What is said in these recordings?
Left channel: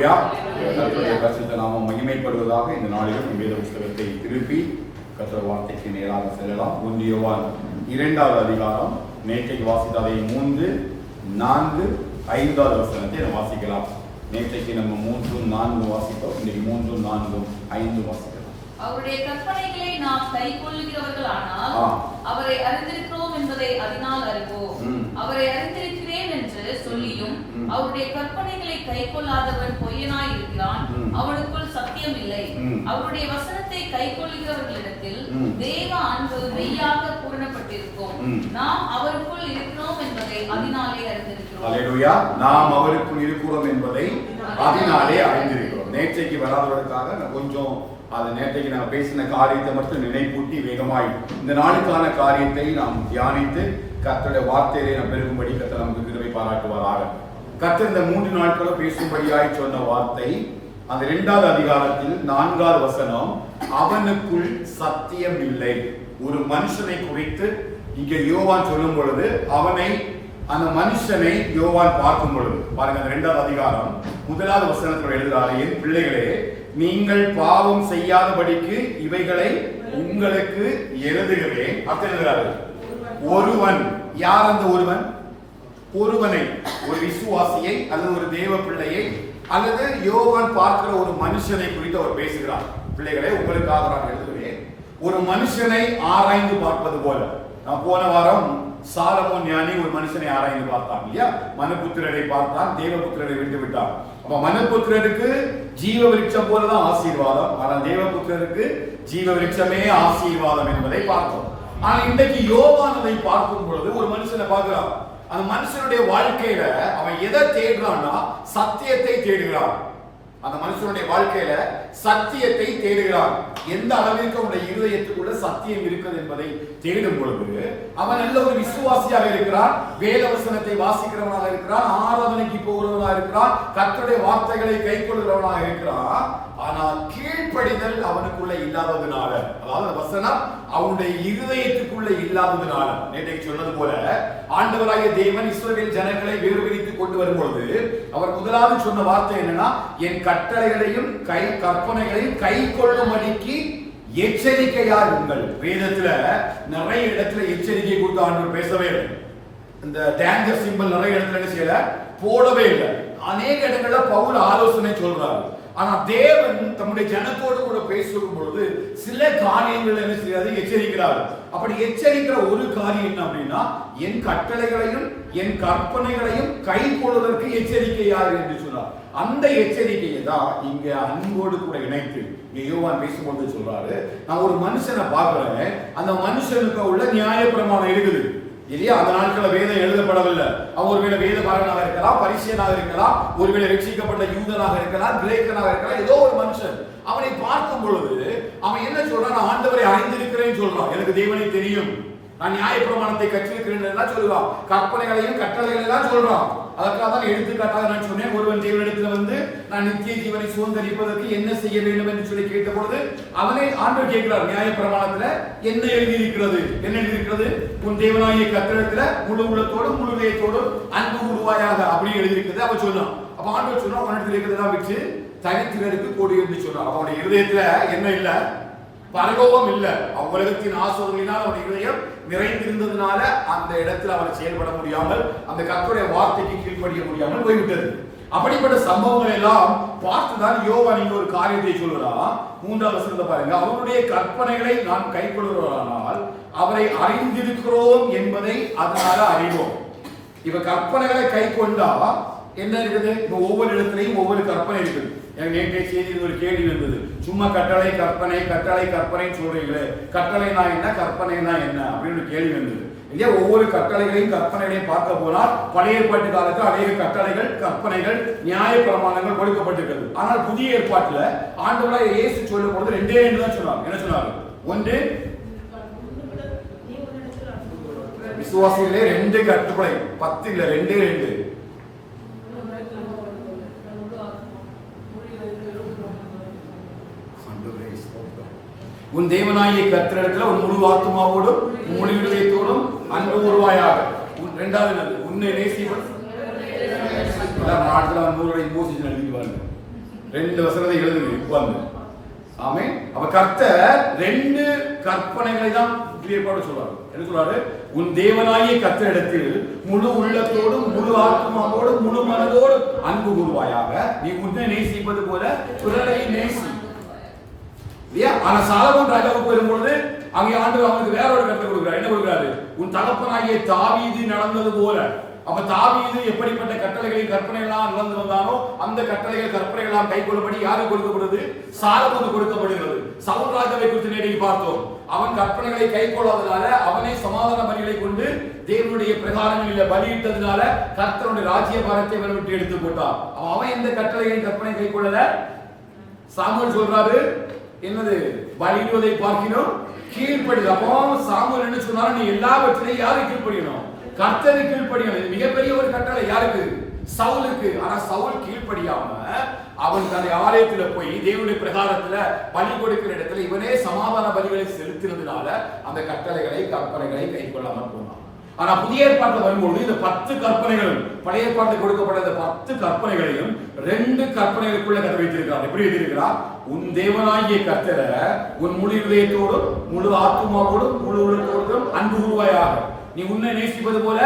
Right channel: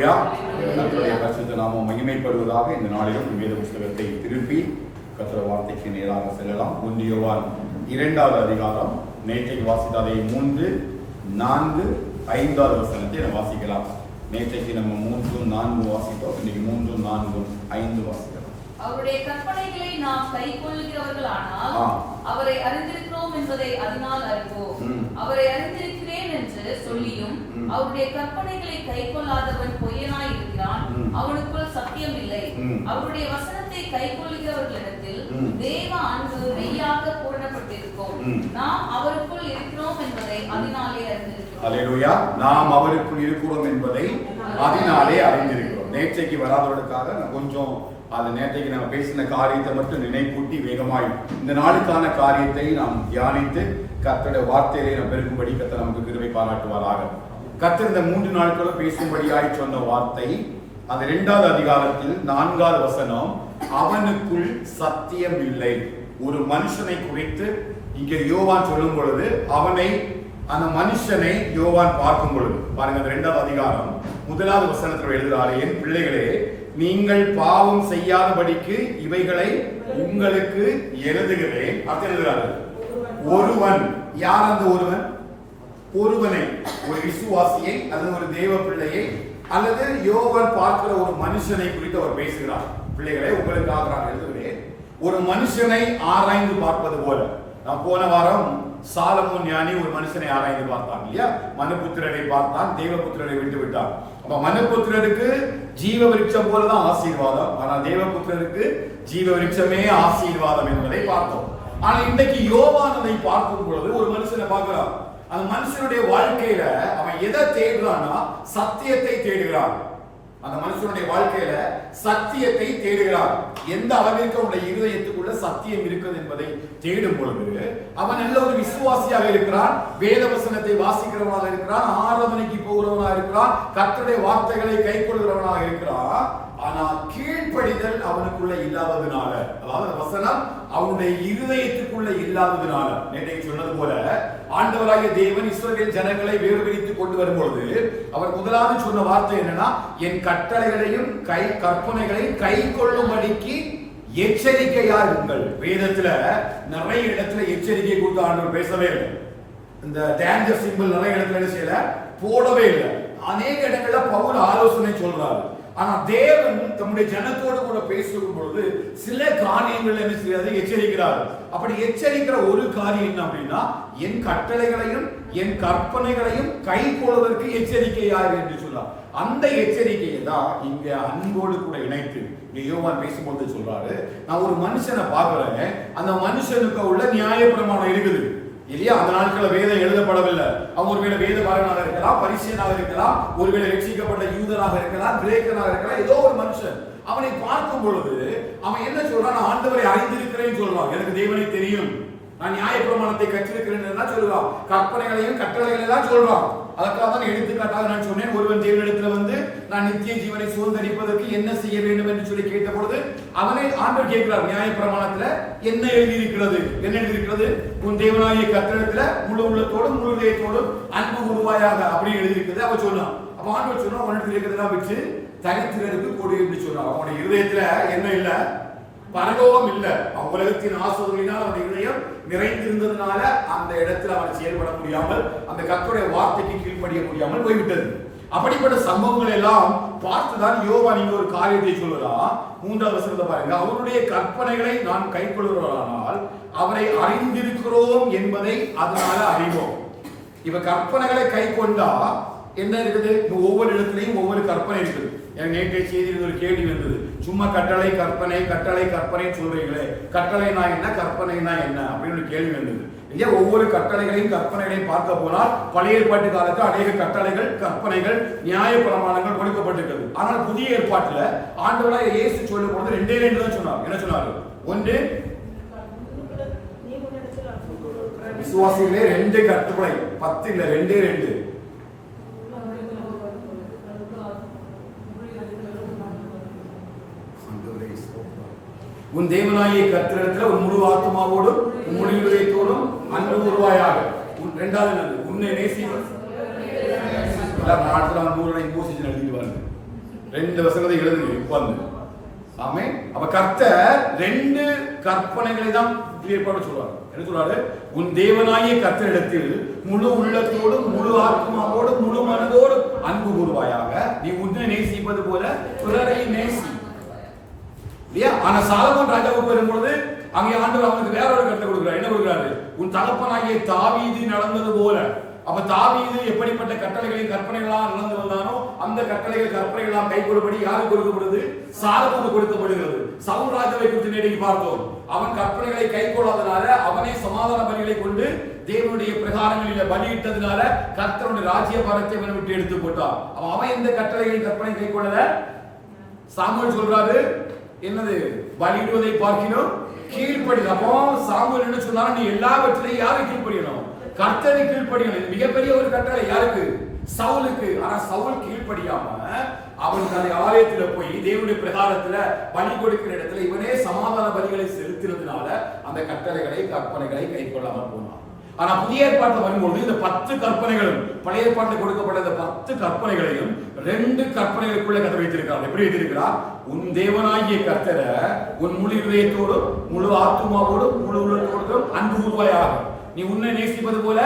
அல்லேலூயா. கர்த்தருடைய பரிசுத்த நாமம் மகிமைப்படுவதாக. இந்த நாளிலும் வேத புஸ்தகத்தை திருப்பி கர்த்தர் வார்த்தைக்கு நேராக செல்லலாம். 1 யோவான் 2வது அதிகாரம், நேற்றைக்கு வாசித்ததை 3, 4, 5வது வசனத்தை நம்ம வாசிக்கலாம். நேற்றைக்கு நம்ம 3, 4 வாசித்தோம். இன்னைக்கு 3, 4, 5 வாசிக்கலாம். அவருடைய கற்பனைகளை நாம் கைக்கொள்கிறவர்களானால் அவரை அறிந்திருக்கிறோம் என்பதை அதனால் அறிவோம். அவரை அறிந்திருக்கிறேன் என்று சொல்லியும் அவருடைய கற்பனைகளை கைக்கொள்ளாதவன் பொய்யனாய் இருக்கிறான், அவனுக்குள் சத்தியம் இல்லை. அவருடைய வசனத்தை கைக்கொள்கிறவர்களிடத்தில் தேவ அன்பு மெய்யாக பூரணப்பட்டிருக்கும். நாம் அவருக்குள் இருக்கிறோம் என்பதை அதனாலே அறிந்திருக்கிறோம். அல்லேலூயா. நாம் அவருக்குள் இருக்கிறோம் என்பதை அதனாலே அறிந்திருக்கிறோம். நேற்றைக்கு வராதவர்களுக்காக கொஞ்சம் அது நேற்றைக்கு நாங்கள் பேசின காரியத்தை மட்டும் நினைப்பூட்டி வேகமாய் இந்த நாளுக்கான காரியத்தை நாம் தியானித்து கர்த்தருடைய வார்த்தையிலே நாம் பெருகும்படி கர்த்தர் நமக்கு கிருபை பாராட்டுவாராக. கர்த்தர் இந்த 3 நாட்களும் பேசும்படியாய் சொன்ன வார்த்தை அந்த 2வது அதிகாரத்தில் 4வது வசனம், அவனுக்குள் சத்தியம் இல்லை. ஒரு மனுஷனை குறித்து இங்கே யோவான் சொல்லும் பொழுது அந்த மனுஷனை யோவான் பார்க்கும் பொழுது பாருங்க, அந்த 2வது அதிகாரம் 1வது வசனத்தில் எழுதுகிறார், என் பிள்ளைகளே, நீங்கள் பாவம் செய்யாதபடிக்கு இவைகளை உங்களுக்கு எழுதுகிறேன். அர்த்தம் எழுதுகிறார்கள். ஒருவன், யார் அந்த ஒருவன்? ஒருவனை, ஒரு விசுவாசியை அல்லது ஒரு தேவ பிள்ளையை அல்லது யோவான் பார்க்கிற ஒரு மனுஷனை குறித்து அவர் பேசுகிறார். பிள்ளைகளை, உங்களுக்காக நான் எழுதுகிறேன். ஒரு மனுஷனை ஆராய்ந்து பார்ப்பது போல. நான் போன வாரம் சாலமோன் ஞானி ஒரு மனுஷனை ஆராய்ந்து பார்த்தான் இல்லையா? மனுபுத்திரரை பார்த்தான், தேவபுத்திரரை விட்டு விட்டான். அப்ப மனுபுத்திரருக்கு ஜீவ விருட்சம் போலதான் ஆசீர்வாதம், ஆனால் தேவபுத்திரருக்கு ஜீவ விருட்சமே ஆசீர்வாதம் என்பதை பார்த்தோம். ஆனால் இன்றைக்கு யோவான் அதை பார்க்கும் பொழுது ஒரு மனுஷனை பார்க்கிறான். அந்த மனுஷனுடைய வாழ்க்கையில அவன் எதை தேடுறான்னா சத்தியத்தை தேடுகிறான். அந்த மனுஷனுடைய வாழ்க்கையில சத்தியத்தை தேடுகிறான். எந்த அளவிற்கு அவனுடைய இருதயத்துக்குள்ள சத்தியம் இருக்குது என்பதை தேடும் பொழுது அவன் நல்ல ஒரு விசுவாசியாக இருக்கிறான், வேத வசனத்தை வாசிக்கிறவனாக இருக்கிறான், ஆராதனைக்கு போகிறவனாக இருக்கிறான், கர்த்தருடைய வார்த்தைகளை கைக்கொள்கிறவனாக இருக்கிறான். ஆனால் கீழ்ப்படிதல் அவனுக்குள்ள இல்லாததுனால, அதாவது வசனம் அவனுடைய இருதயத்துக்குள்ள இல்லாததுனால, நேற்றைக்கு சொன்னது போல ஆண்டவராகிய தேவன் இஸ்ரவேல் ஜனங்களை வேறு பிரித்து கொண்டு வரும் பொழுது அவர் முதலாவது சொன்ன வார்த்தை என்னன்னா, என் கட்டளைகளையும் கற்பனைகளையும் கை கொள்ளும்படிக்கு எச்சரிக்கையா இருங்கள். வேதத்துல நிறைய இடத்துல எச்சரிக்கை கொடுத்து ஆண்டவர் பேசவே இல்லை. இந்த டேஞ்சர் சிம்பிள் நிறைய இடத்துல என்ன செய்யல, போடவே இல்லை. அநேக இடங்கள்ல பவுல் ஆலோசனை சொல்றாரு. ஆனா தேவன் தம்முடைய ஜனத்தோடு கூட பேசும் பொழுது சில காரியங்கள் என்ன செய்யாது, எச்சரிக்கிறார். அப்படி எச்சரிக்கிற ஒரு காரியம் என்ன அப்படின்னா, என் கட்டளைகளையும் என் கற்பனைகளையும் கை கொள்வதற்கு எச்சரிக்கையார் என்று சொன்னார். அந்த எச்சரிக்கையை தான் இங்க அன்போடு கூட இணைத்து யோவான் பேசும்போது சொல்றாரு, நான் ஒரு மனுஷனை பார்க்கிறேன், அந்த மனுஷனுக்கு உள்ள நியாய பிரமாணம் இருக்குது இல்லையா? அந்த நாட்களில் வேதம் எழுதப்படவில்லை. அவன் ஒருவேளை வேதபாரகனாக இருக்கலாம், பரிசேயனாக இருக்கலாம், ஒருவேளை ரட்சிக்கப்பட்ட யூதனாக இருக்கலாம், கிரேக்கனாக இருக்கலாம், ஏதோ ஒரு மனுஷன். அவனை பார்க்கும் பொழுது அவன் என்ன சொல்றான், நான் ஆண்டவரை அறிந்திருக்கிறேன்னு சொல்றான், எனக்கு தேவனை தெரியும், நான் நியாயப்பிரமாணத்தை கற்றிருக்கிறேன் சொல்லுவான், கற்பனைகளையும் கட்டளைகளையும் தான் சொல்றான். அதற்காக தான் எடுத்துக்காட்டாக நான் சொன்னேன், ஒருவன் தேவனிடத்துல வந்து நான் நித்திய ஜீவனை சுதந்தரிப்பதற்கு என்ன செய்ய வேண்டும் என்று சொல்லி கேட்ட பொழுது அவனை ஆண்டவர் கேட்கிறார், நியாயப்பிரமாணத்துல என்ன எழுதியிருக்கிறது? என்ன எழுதியிருக்கிறது? உன் தேவனாகிய கர்த்தரிடத்துல முழு உள்ளத்தோடும் முழு இதயத்தோடும் அன்பு கூறுவாயாக அப்படின்னு எழுதியிருக்கிறது. அவன் சொன்னான். அப்ப ஆண்டவர் சொன்னா, உனக்கு இருக்கிறதெல்லாம் வச்சு தனித்திற்கு கொடு என்று சொன்னான். அவனுடைய இருதயத்துல என்ன இல்ல, பரலோகம் இல்ல. உலகத்தின் ஆசோதனையினால் அவன் இதயம் நிறைந்திருந்ததுனால அந்த இடத்துல அவன் செயல்பட முடியாமல், அந்த கர்த்தருடைய வார்த்தைக்கு கீழ்ப்படிய முடியாமல் போய்விட்டது. அப்படிப்பட்ட சம்பவங்கள் எல்லாம் பார்த்துதான் யோவான் இங்க ஒரு காரியத்தை சொல்கிறான். 3வது வசனத்தை பாருங்க, அவருடைய கற்பனைகளை நான் கைக்கொள்கிறவரானால் அவரை அறிந்திருக்கிறோம் என்பதை அதனால அறிவோம். இப்ப கற்பனைகளை கை கொண்டா என்ன இருக்குது? ஒவ்வொரு இடத்துலையும் ஒவ்வொரு கற்பனை இருக்குது. எனக்கு நேற்றைய செய்தியில் ஒரு கேள்வி இருந்தது, சும்மா கட்டளை கற்பனை கட்டளை கற்பனைன்னு சொல்றீங்களே, கட்டளைனா என்ன, கற்பனைனா என்ன அப்படின்னு கேள்வி வந்தது இல்லையா? ஒவ்வொரு கட்டளைகளையும் கற்பனைகளையும் பார்க்க போனால் பழைய ஏற்பாட்டு காலத்தில் அநேக கட்டளைகள் கற்பனைகள் நியாய பிரமாணங்கள் கொடுக்கப்பட்டிருக்கிறது. ஆனால் புதிய ஏற்பாட்டுல ஆண்டவராகிய இயேசு சொல்லும் பொழுது 2 தான் சொன்னார். என்ன சொன்னார்? ஒன்று, விசுவாசிகளே 2 கட்டளை, 10 இல்ல, 2. உன் தேவனாகிய கர்த்தரிடத்துல உன் முழு ஆத்துமாவோடும் முழு இதயத்தோடும் அன்பு கூறுவாயாக. 2வது உன்னை நேசிப்பன். நாட்டில் 100 இம்போசிஷன் எழுதிட்டு பாருங்க. 2 வசனத்தை எழுதுங்க உட்கார்ந்து. ஆமே. அப்ப கர்த்தர் 2 கற்பனைகளை தான் ஏற்பாடு சொல்றாரு. என்ன சொல்றாரு? உன் தேவனாகிய கர்த்தரிடத்தில் முழு உள்ளத்தோடும் முழு ஆத்மாவோடும் முழு மனதோடும் அன்பு கூறுவாயாக. நீ உன்னை நேசிப்பது போல பிறரை நேசி. இல்லையா? ஆனா சாலமோன் ராஜாவுக்கு வரும்பொழுது அங்கே ஆண்டவர் அவனுக்கு வேற ஒரு கருத்தை கொடுக்கிறார். என்ன கொடுக்கிறாரு? உன் தகப்பனாகிய தாவீது நடந்தது போல. அப்ப தாவீது எப்படிப்பட்ட கட்டளைகளையும் கற்பனைகளாம் நடந்து வந்தானோ அந்த கட்டளைகள் கற்பனைகளாம் கைகொள்ளும்படி யாருக்கு கொடுக்கப்படுது? சாலமோனுக்கு கொடுக்கப்படுகிறது. சவுல் ராஜாவை குறித்து நேற்று பார்த்தோம். அவன் கற்பனைகளை கைகொள்ளாதனால அவனை சமாதான பலிகளை கொண்டு தேவனுடைய பிரகாரங்களில் பலியிட்டதுனால கர்த்தருடைய ராஜ்ய பாரத்தை விட்டு எடுத்து போட்டான். அவன் எந்த கட்டளைகளின் கற்பனை கைகொள்ளல. சாமுவேல் சொல்றாரு, என்னது? பலியிடுவதை பார்க்கணும் கீழ்ப்படி. அப்போ சாமுவேல் என்ன சொன்னாலும் நீ எல்லாவற்றிலையும் யாரை கீழ்ப்படியணும்? கர்த்தரை கீழ்ப்படியணும். இது மிகப்பெரிய ஒரு கட்டளை. யாருக்கு? சவுலுக்கு. ஆனா சவுல் கீழ்ப்படியாம அவன் தன்னுடைய ஆலயத்துல போய் தேவனுடைய பிரகாரத்துல பலி கொடுக்கிற இடத்துல இவனே சமாதான பலிகளை செலுத்தினதுனால அந்த கட்டளைகளை கற்பனைகளை கை கொள்ளாமல் போனான். ஆனா புதிய ஏற்பாட்டில் வரும்போது இந்த 10 கற்பனைகளும் பழைய ஏற்பாட்டில் கொடுக்கப்பட்ட இந்த 10 கற்பனைகளையும் 2 கற்பனைகளுக்குள்ள கட்ட வைத்திருக்கிறார். எப்படி வைத்திருக்கிறார்? உன் தேவனாகிய கர்த்தரை உன் முழு இதயத்தோடும் முழு ஆத்துமாவோடும் முழு உள்ளத்தோடும் அன்பு கூறுவாயாக. நீ உன்னை நேசிப்பது போல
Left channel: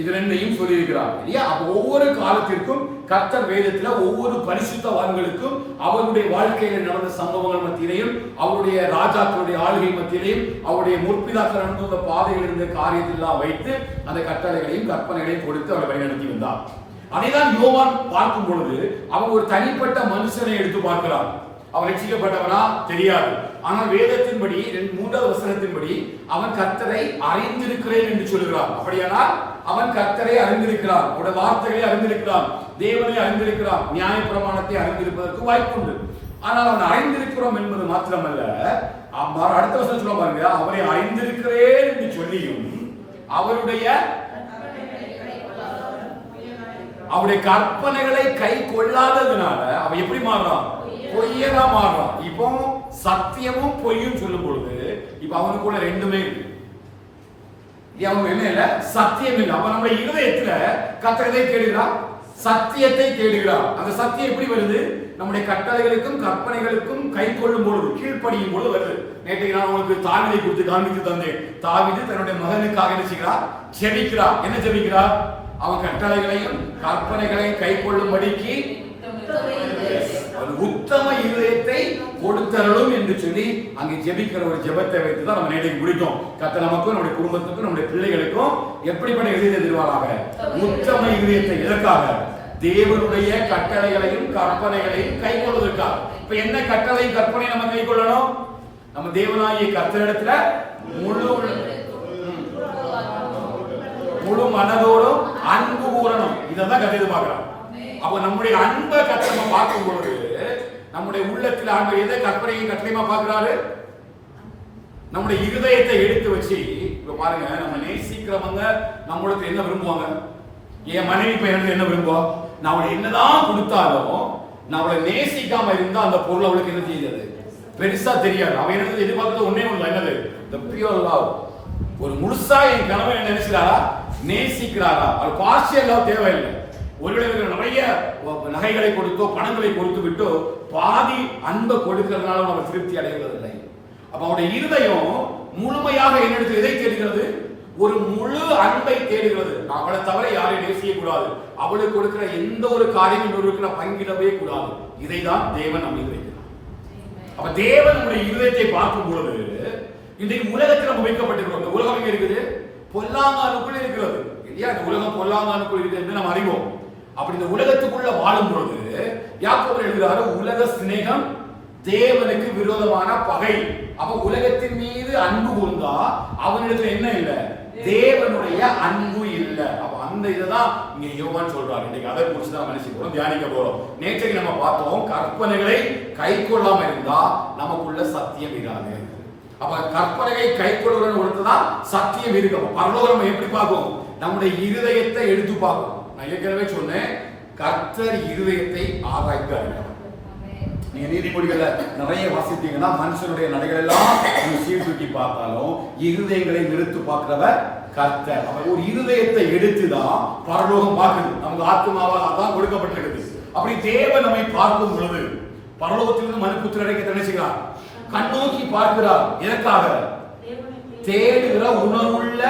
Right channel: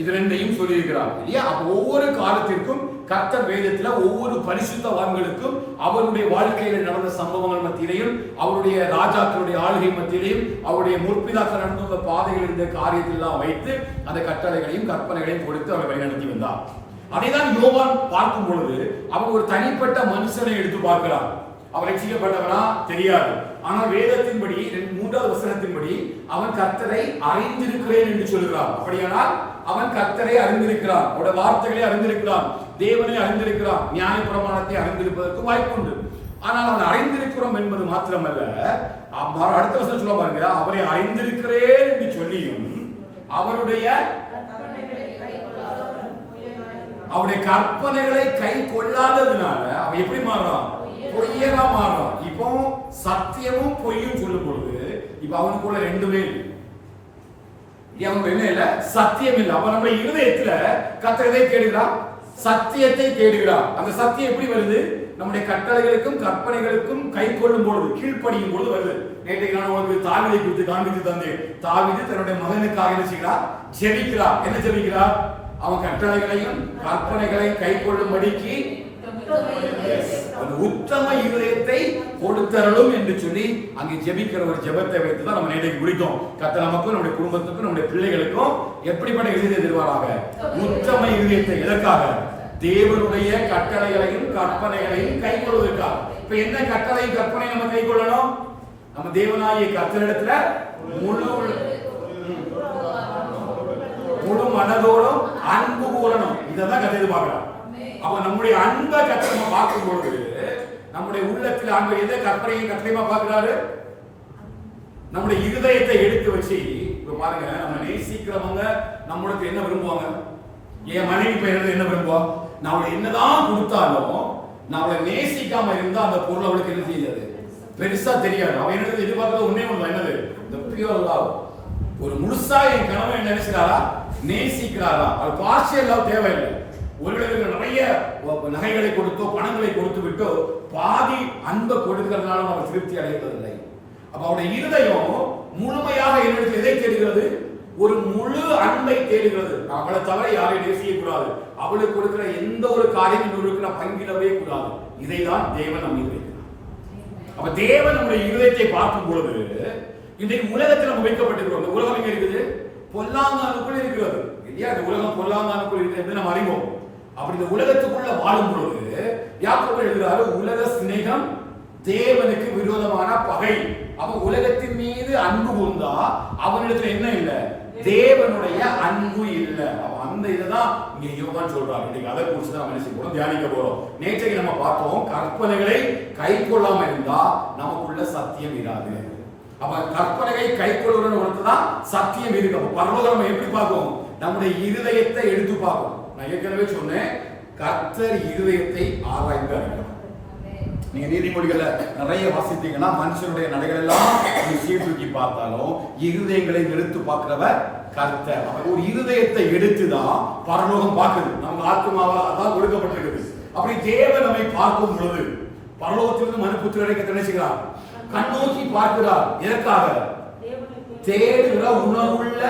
இது 2ஐயும் சொல்லியிருக்கிறார். இல்லையா? அப்ப ஒவ்வொரு காலத்திற்கும் கர்த்தர் வேதத்துல ஒவ்வொரு பரிசுத்தவான்களுக்கும் அவருடைய வாழ்க்கையில நடந்த சம்பவங்கள் மத்தியிலையும் அவருடைய ராஜாக்களுடைய ஆளுகை மத்தியிலையும் அவருடைய முற்பிதாக்கள் நடந்த வந்த பாதையில் இருந்த காரியத்திலாம் வைத்து அந்த கட்டளைகளையும் கற்பனைகளையும் கொடுத்து அவரை வழிநடத்தி வந்தார். அதைதான் யோவான் பார்க்கும் பொழுது அவர் ஒரு தனிப்பட்ட மனுஷனை எடுத்து பார்க்கிறார். அவர் ரட்சிக்கப்பட்டவனா தெரியாது. ஆனால் வேதத்தின்படி 3வது வசனத்தின்படி அவன் கர்த்தரை அறிந்திருக்கிறேன் என்று சொல்கிறான். அப்படியானால் அவன் கர்த்தரை அறிந்திருக்கிறான், அவருடைய வார்த்தைகளை அறிந்திருக்கிறான், தேவனை அறிந்திருக்கிறான், நியாயப்பிரமாணத்தை அறிந்திருப்பதற்கு வாய்ப்புண்டு. ஆனால் அவன் அறிந்திருக்கிறோம் என்பது மாத்திரமல்ல, அடுத்த வசனம் சொல்ல பாருங்க, அவரை அறிந்திருக்கிறேன் என்று சொல்லியும் அவருடைய கற்பனைகளை கை கொள்ளாததுனால அவன் எப்படி மாறுறான்? பொய்யனா மாறுறான். இப்போ சத்தியமும் பொய்யும் சொல்லும் பொழுது இப்ப அவனுக்குள்ள 2மே இருக்கு. அவன் என்ன இல்ல? சத்தியம் இல்லை. அவன் நம்முடைய இருதயத்துல கர்த்தரை தேடுகிறான், சத்தியத்தை தேடுகிறான். அந்த சத்தியம் எப்படி வருது? நம்முடைய கட்டளைகளுக்கும் கற்பனைகளுக்கும் கை கொள்ளும் பொழுது, கீழ்ப்படியும் பொழுது வருது. நேற்றைக்கு நான் உங்களுக்கு தாவீதை குறித்து காண்பித்து தந்தேன். தாவீது தன்னுடைய மகனுக்காக என்ன செய்கிறார்? ஜெபிக்கிறார். என்ன ஜெபிக்கிறார்? அவன் கட்டளைகளையும் கற்பனைகளையும் கை கொள்ளும்படிக்கு உத்தம இதயத்தை கொடுத்தரலும் என்று சொல்லி அங்கே ஜெபிக்கிற ஒரு ஜெபத்தை வைத்து தான் நம்ம நேற்றைக்கு முடித்தோம். கர்த்தர் நமக்கும் நம்முடைய குடும்பத்துக்கும் நம்முடைய பிள்ளைகளுக்கும் எப்படிப்பட்ட இதயத்தை தருவாராக? உத்தம இதயத்தை. எதற்காக? தேவனுடைய கட்டளைகளையும் கற்பனைகளையும் கை கொள்வதற்காக. இப்ப என்ன கட்டளை கற்பனை நம்ம கை கொள்ளணும்? நம்ம தேவனாகிய கர்த்தரிடத்துல முழு மனதோடும் அன்பு கூறணும். இதான் கதை பார்க்கிறோம். அப்ப நம்முடைய அன்பை கட்டளை பார்க்கும் பொழுது நம்முடைய உள்ளத்தில் ஆண்டவர் எதை கற்பனையும் கட்டளையுமா பார்க்கிறாரு? நம்முடைய இருதயத்தை எடுத்து வச்சு இப்ப பாருங்க, நம்ம நேசிக்கிறவங்க நம்மளுக்கு என்ன விரும்புவாங்க? என் மனைவி பையனுக்கு என்ன விரும்புவா? நான் அவளை என்னதான் கொடுத்தாலும் நான் அவளை நேசிக்காம இருந்தா அந்த பொருள் அவளுக்கு என்ன செய்யாது? பெருசா தெரியாது. அவன் என்ன எதிர்பார்க்கறது ஒன்னே ஒன்று, என்னது? இந்த பியூர் லவ். ஒரு முழுசா என் கணவன் என்ன நினைக்கிறாரா? நேசிக்கிறாரா? அது பார்ஷியல் லவ் தேவையில்லை. ஒருவேளை நிறைய நகைகளை கொடுத்தோ பணங்களை கொடுத்து விட்டோ பாதி அன்பை கொடுக்கிறதுனால அவர் திருப்தி அடைவதில்லை. அப்ப அவருடைய இருதயம் முழுமையாக என்னிடத்தில் எதை தேடுகிறது? ஒரு முழு அன்பை தேடுகிறது. அவளை தவிர யாரையும் நேசிக்க கூடாது. அவளுக்கு கொடுக்கிற எந்த ஒரு காரியம் இன்னொருக்கு நான் பங்கிடவே கூடாது. இதைதான் தேவன் நம்ம இருக்கிறார். அப்ப தேவன் நம்முடைய இருதயத்தை பார்க்கும் பொழுது இன்றைக்கு உலகத்தில் நம்ம வைக்கப்பட்டிருக்கிறோம். இந்த உலகம் எங்க இருக்குது? பொல்லாங்கானுக்குள் இருக்கிறது. இல்லையா? இந்த உலகம் பொல்லாங்கானுக்குள் இருக்கிறது என்று நம்ம அறிவோம். அப்படி இந்த உலகத்துக்குள்ள வாழும் பொழுது யாக்கோபு எழுதுகிறாரு, உலக சிநேகம் தேவனுக்கு விரோதமான பகை. அப்ப உலகத்தின் மீது அன்பு கூர்ந்தா அவனிடத்துல என்ன இல்லை? தேவனுடைய அன்பு இல்லை. அப்ப அந்த இதைதான் இங்க யோவான் சொல்றாரு. இன்னைக்கு அதை குறித்து தான் மனசு போறோம், தியானிக்க போறோம். நேற்றைக்கு நம்ம பார்த்தோம், கற்பனைகளை கை கொள்ளாம இருந்தா நமக்குள்ள சத்தியம் இராது. அப்ப கற்பனையை கை கொள்ளுடன் ஒருத்ததான் சத்தியம் இருக்கு. அப்ப பரலோகம் நம்ம எப்படி பார்க்கும்? நம்முடைய இருதயத்தை எடுத்து பார்க்கும். நான் ஏற்கனவே சொன்னேன், கர்த்தர் இருதயத்தை ஆராய்ந்து அறிகிறார். நீங்க நீதிமொழிகளை நிறைய வாசித்தீங்கன்னா மனுஷனுடைய நடைகள் எல்லாம் நீங்க சீர்தூக்கி பார்த்தாலும் இருதயங்களை நிறுத்து பார்க்கிறவர் கர்த்தர். ஒரு இருதயத்தை எடுத்துதான் பரலோகம் பார்க்குது. நமக்கு ஆத்மாவா அதான் கொடுக்கப்பட்டிருக்குது. அப்படி தேவன் நம்மை பார்க்கும் பொழுது பரலோகத்திலிருந்து மனுபுத்திரரை நினைச்சுகிறார், கண்ணோக்கி பார்க்கிறார். எதற்காக? தேடுகிற உணர்வுள்ள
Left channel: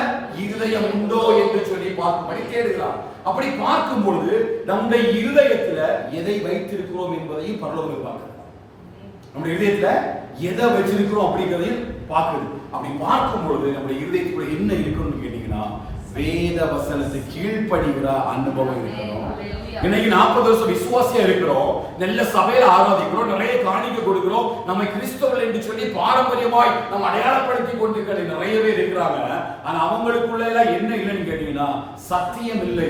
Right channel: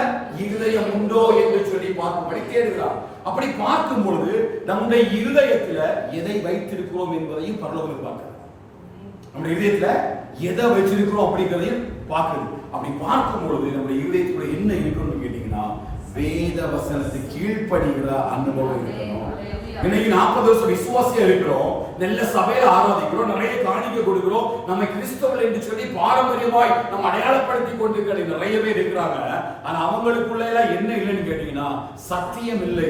இருதயம் உண்டோ என்று சொல்லி பார்க்கும்படி தேடுகிறார். அப்படி பார்க்கும் பொழுது நம்முடைய இருதயத்துல எதை வைத்திருக்கிறோம் என்பதையும் பரலோகம் பார்க்கிறது. நம்முடைய இருதயத்துல எதை வச்சிருக்கிறோம் அப்படிங்கிறதையும் பார்க்குது. அப்படி பார்க்கும் பொழுது நம்முடைய இருதயத்துல என்ன இருக்கணும்னு கேட்டீங்கன்னா வேத வசனத்துக்கு கீழ்ப்படுகிற அனுபவம் இருக்கணும். இன்னைக்கு 40 வருஷம் விசுவாசியா இருக்கிறோம், நல்ல சபையில ஆராதிக்கிறோம், நிறைய காணிக்கை கொடுக்கிறோம், நம்ம கிறிஸ்தவர்கள் என்று சொல்லி பாரம்பரியமாய் நம்ம அடையாளப்படுத்தி கொண்டிருக்கிற நிறைய பேர் இருக்கிறாங்க. ஆனா அவங்களுக்குள்ள எல்லாம் என்ன இல்லைன்னு கேட்டீங்கன்னா சத்தியம் இல்லை,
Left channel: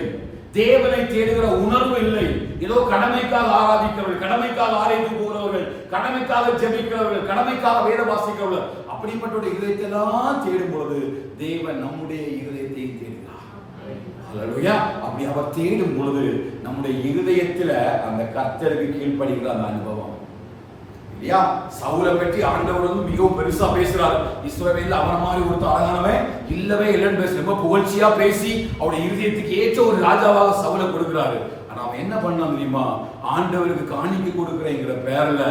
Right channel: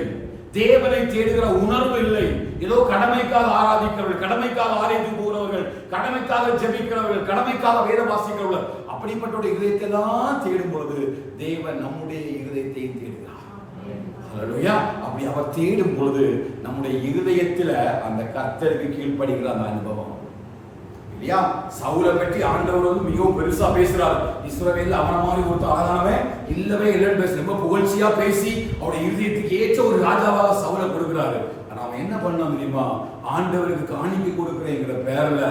தேவனை தேடுகிற உணர்வு இல்லை. ஏதோ கடமைக்காக ஆராதிக்கிறவர்கள், கடமைக்காக ஆலயத்துக்கு போகிறவர்கள், கடமைக்காக ஜெபிக்கிறவர்கள், கடமைக்காக வேத வாசிக்கிறவர்கள், அப்படிப்பட்ட இருதயத்தை எல்லாம் தேடும் பொழுது தேவன் நம்முடைய இருதயத்தையும் தேடுகிறார். ஹல்லேலூயா. அப்படி அவர் தேடும் பொழுது நம்முடைய இருதயத்துல அந்த கர்த்தருக்கு கீழ்ப்படுகிற அந்த அனுபவம் இல்லையா? சவுலை பற்றி ஆண்டவர் வந்து மிகவும் பெருசா பேசுறாரு. இஸ்ரவேல்ல அவன மாதிரி ஒரு அழகானவன் இல்லவே இல்லைன்னு பேச ரொம்ப புகழ்ச்சியா பேசி அவருடைய இருதயத்துக்கு ஏற்ற ஒரு ராஜாவாக சவுலை கொடுக்கிறாரு. ஆனா அவன் என்ன பண்ணலாம் தெரியுமா? ஆண்டவருக்கு காணிக்கை கொடுக்கிறேங்கிற பேர்ல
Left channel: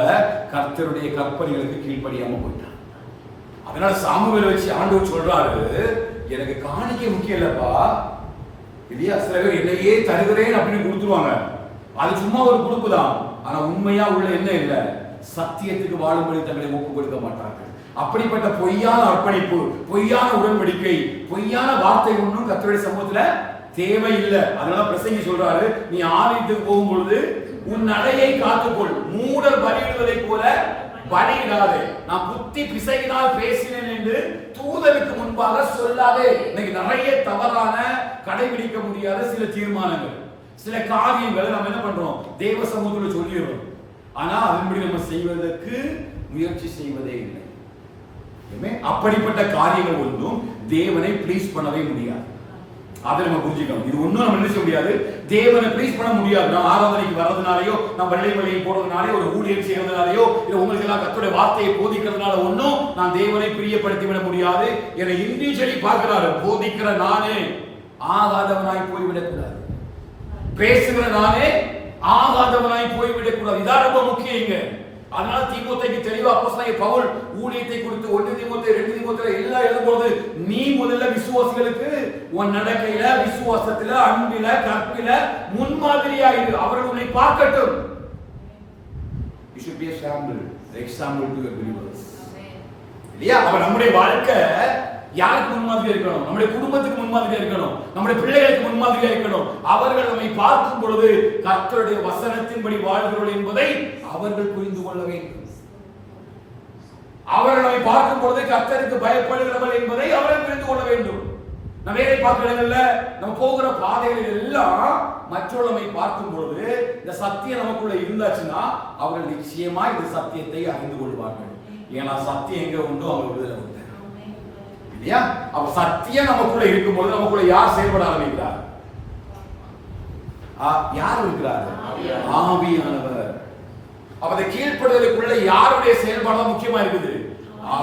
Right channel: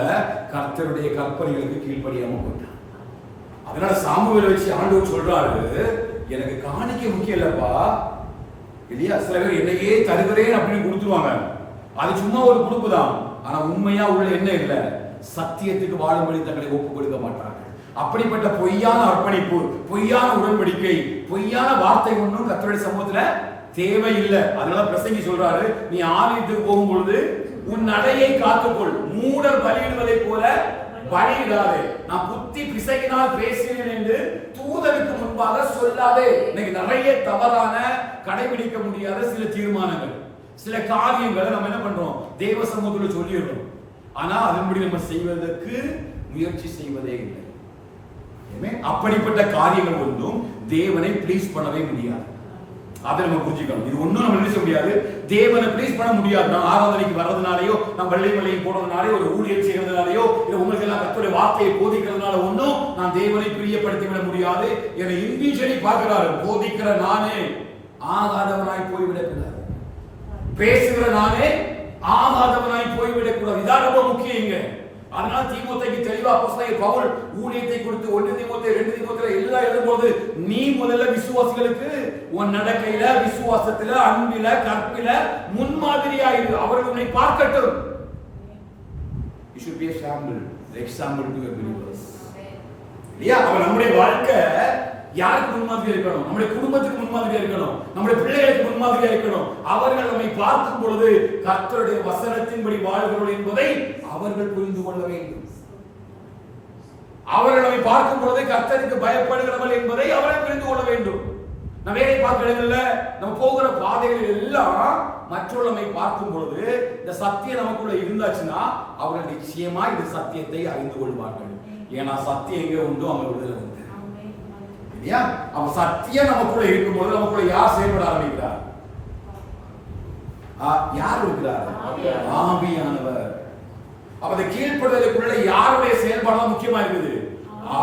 கர்த்தருடைய கற்பனைகளுக்கு கீழ்ப்படியாம போயிட்டான். அதனால சாமுவேலை வச்சு ஆண்டவர் சொல்றாரு, எனக்கு காணிக்கை முக்கியம் இல்லப்பா இல்லையா? சில பேர் என்னையே தருகிறேன் அப்படின்னு கொடுத்துருவாங்க, அது சும்மா ஒரு கொடுப்பு தான். ஆனா உண்மையா உள்ள என்ன இல்லை, சத்தியத்துக்கு வாழும்படி தங்களை ஒப்பு கொடுக்க மாட்டார்கள். அப்படிப்பட்ட பொய்யான அர்ப்பணிப்பு, பொய்யான உடன்படிக்கை, பொய்யான வார்த்தை ஒன்றும் கர்த்தருடைய சமூகத்துல தேவையில்லை. அதனால பிரசங்கி சொல்றாரு, நீ ஆலயத்துக்கு போகும்பொழுது உன் நடையை காத்துக்கொள், மூடர் பலியிடுவதை போல பலியிடாதே, நான் புத்தி பிசையினால் பேசினேன் என்று தூதருக்கு முன்பாக சொல்லாதே. இன்னைக்கு நிறைய தவறான கடைபிடிக்க முடியாத சில தீர்மானங்கள், சில காரியங்களை நம்ம என்ன பண்றோம், தேவ சமூகத்துல சொல்லிடுறோம். ஆனா அதன்படி நம்ம செய்வதற்கு முயற்சி செய்வதே இல்லை. அப்படிப்பட்ட காரியங்கள் ஒன்றும் தேவனை ப்ளீஸ் பண்ணவே முடியாது. அதை நம்ம புரிஞ்சுக்கணும். இது ஒன்றும் நம்ம நினைச்ச முடியாது, தேவனை ப்ளீஸ் பண்ண முடியாது. நம்ம ஆராதனைக்கு வர்றதுனாலயோ, நம்ம வெள்ளை மலையை போடுறதுனாலயோ, ஒரு ஊழியர் செய்யறதுனாலயோ, இல்லை உங்களுக்கு எல்லாம் கர்த்தருடைய வார்த்தையை போதிக்கிறதுனால ஒன்றும் நான் தேவனை பிரியப்படுத்தி விட முடியாது. என்னை இண்டிவிஜுவலி பார்க்கிறாரு. போதிக்கிற நானே ஆகாதவனாய் போய்விடக்கூடாது, பேசுகிற நானே ஆகாதவனாய் போய்விடக்கூடாது. இதான் ரொம்ப முக்கியம் இங்க. அதனால தீமோத்தேயுக்கு தெளிவா அப்போஸ்தலன் பவுல் ஊழியத்தை குறித்து 1 தீமோத்தேயு 2 தீமோத்தேயுல எல்லாம் எழுதும்போது, நீ முதல்ல விசுவாசிகளுக்கு உன் நடக்கையில, விசுவாசத்தில, அன்பில, கற்பில முன்மாதிரியாயிரு, அவர்கள் உன்னை பார்க்கட்டும். You should be a example to your believers. இல்லையா? அவன் நம்முடைய வாழ்க்கை யாருக்கு முன்மாதிரியா இருக்கணும்? நம்முடைய குடும்பத்துக்கு முன்மாதிரியா இருக்கணும், நம்முடைய பிள்ளைகளுக்கு முன்மாதிரியா இருக்கணும். அவர்கள் நம்மை பார்க்கும் பொழுது கர்த்தருடைய வசனத்தின்படி வாழ்கிறோம் என்பதை அவர்கள் புரிந்து கொள்ள வேண்டும். அவர்கள் நம்மை பார்க்கும் பொழுது கர்த்தருக்கு பயப்படுகிறவர்கள் என்பதை அவர்கள் புரிந்து கொள்ள வேண்டும். நம்ம வேலை பார்க்கிறதுல நம்ம போகிற பாதைகளில் எல்லாம் மற்றவர்கள் நம்மை பார்க்கும் பொழுது இந்த சத்தியம் நமக்குள்ள இருந்தாச்சுன்னா அவர்கள் நிச்சயமா இந்த சத்தியத்தை அறிந்து கொள்வார்கள். ஏன்னா சத்தியம் எங்க உண்டோ அவங்க விடுதலை உண்டு. அப்ப சத்தியம் நமக்குள்ள இருக்கும்போது நமக்குள்ள யார் செயல்பட ஆரம்பிக்கிறார்? யார் இருக்கிறார்? ஆவியானவர். அப்ப இந்த கீழ்ப்படுதலுக்குள்ள யாருடைய செயல்பாடு முக்கியமா இருக்குது?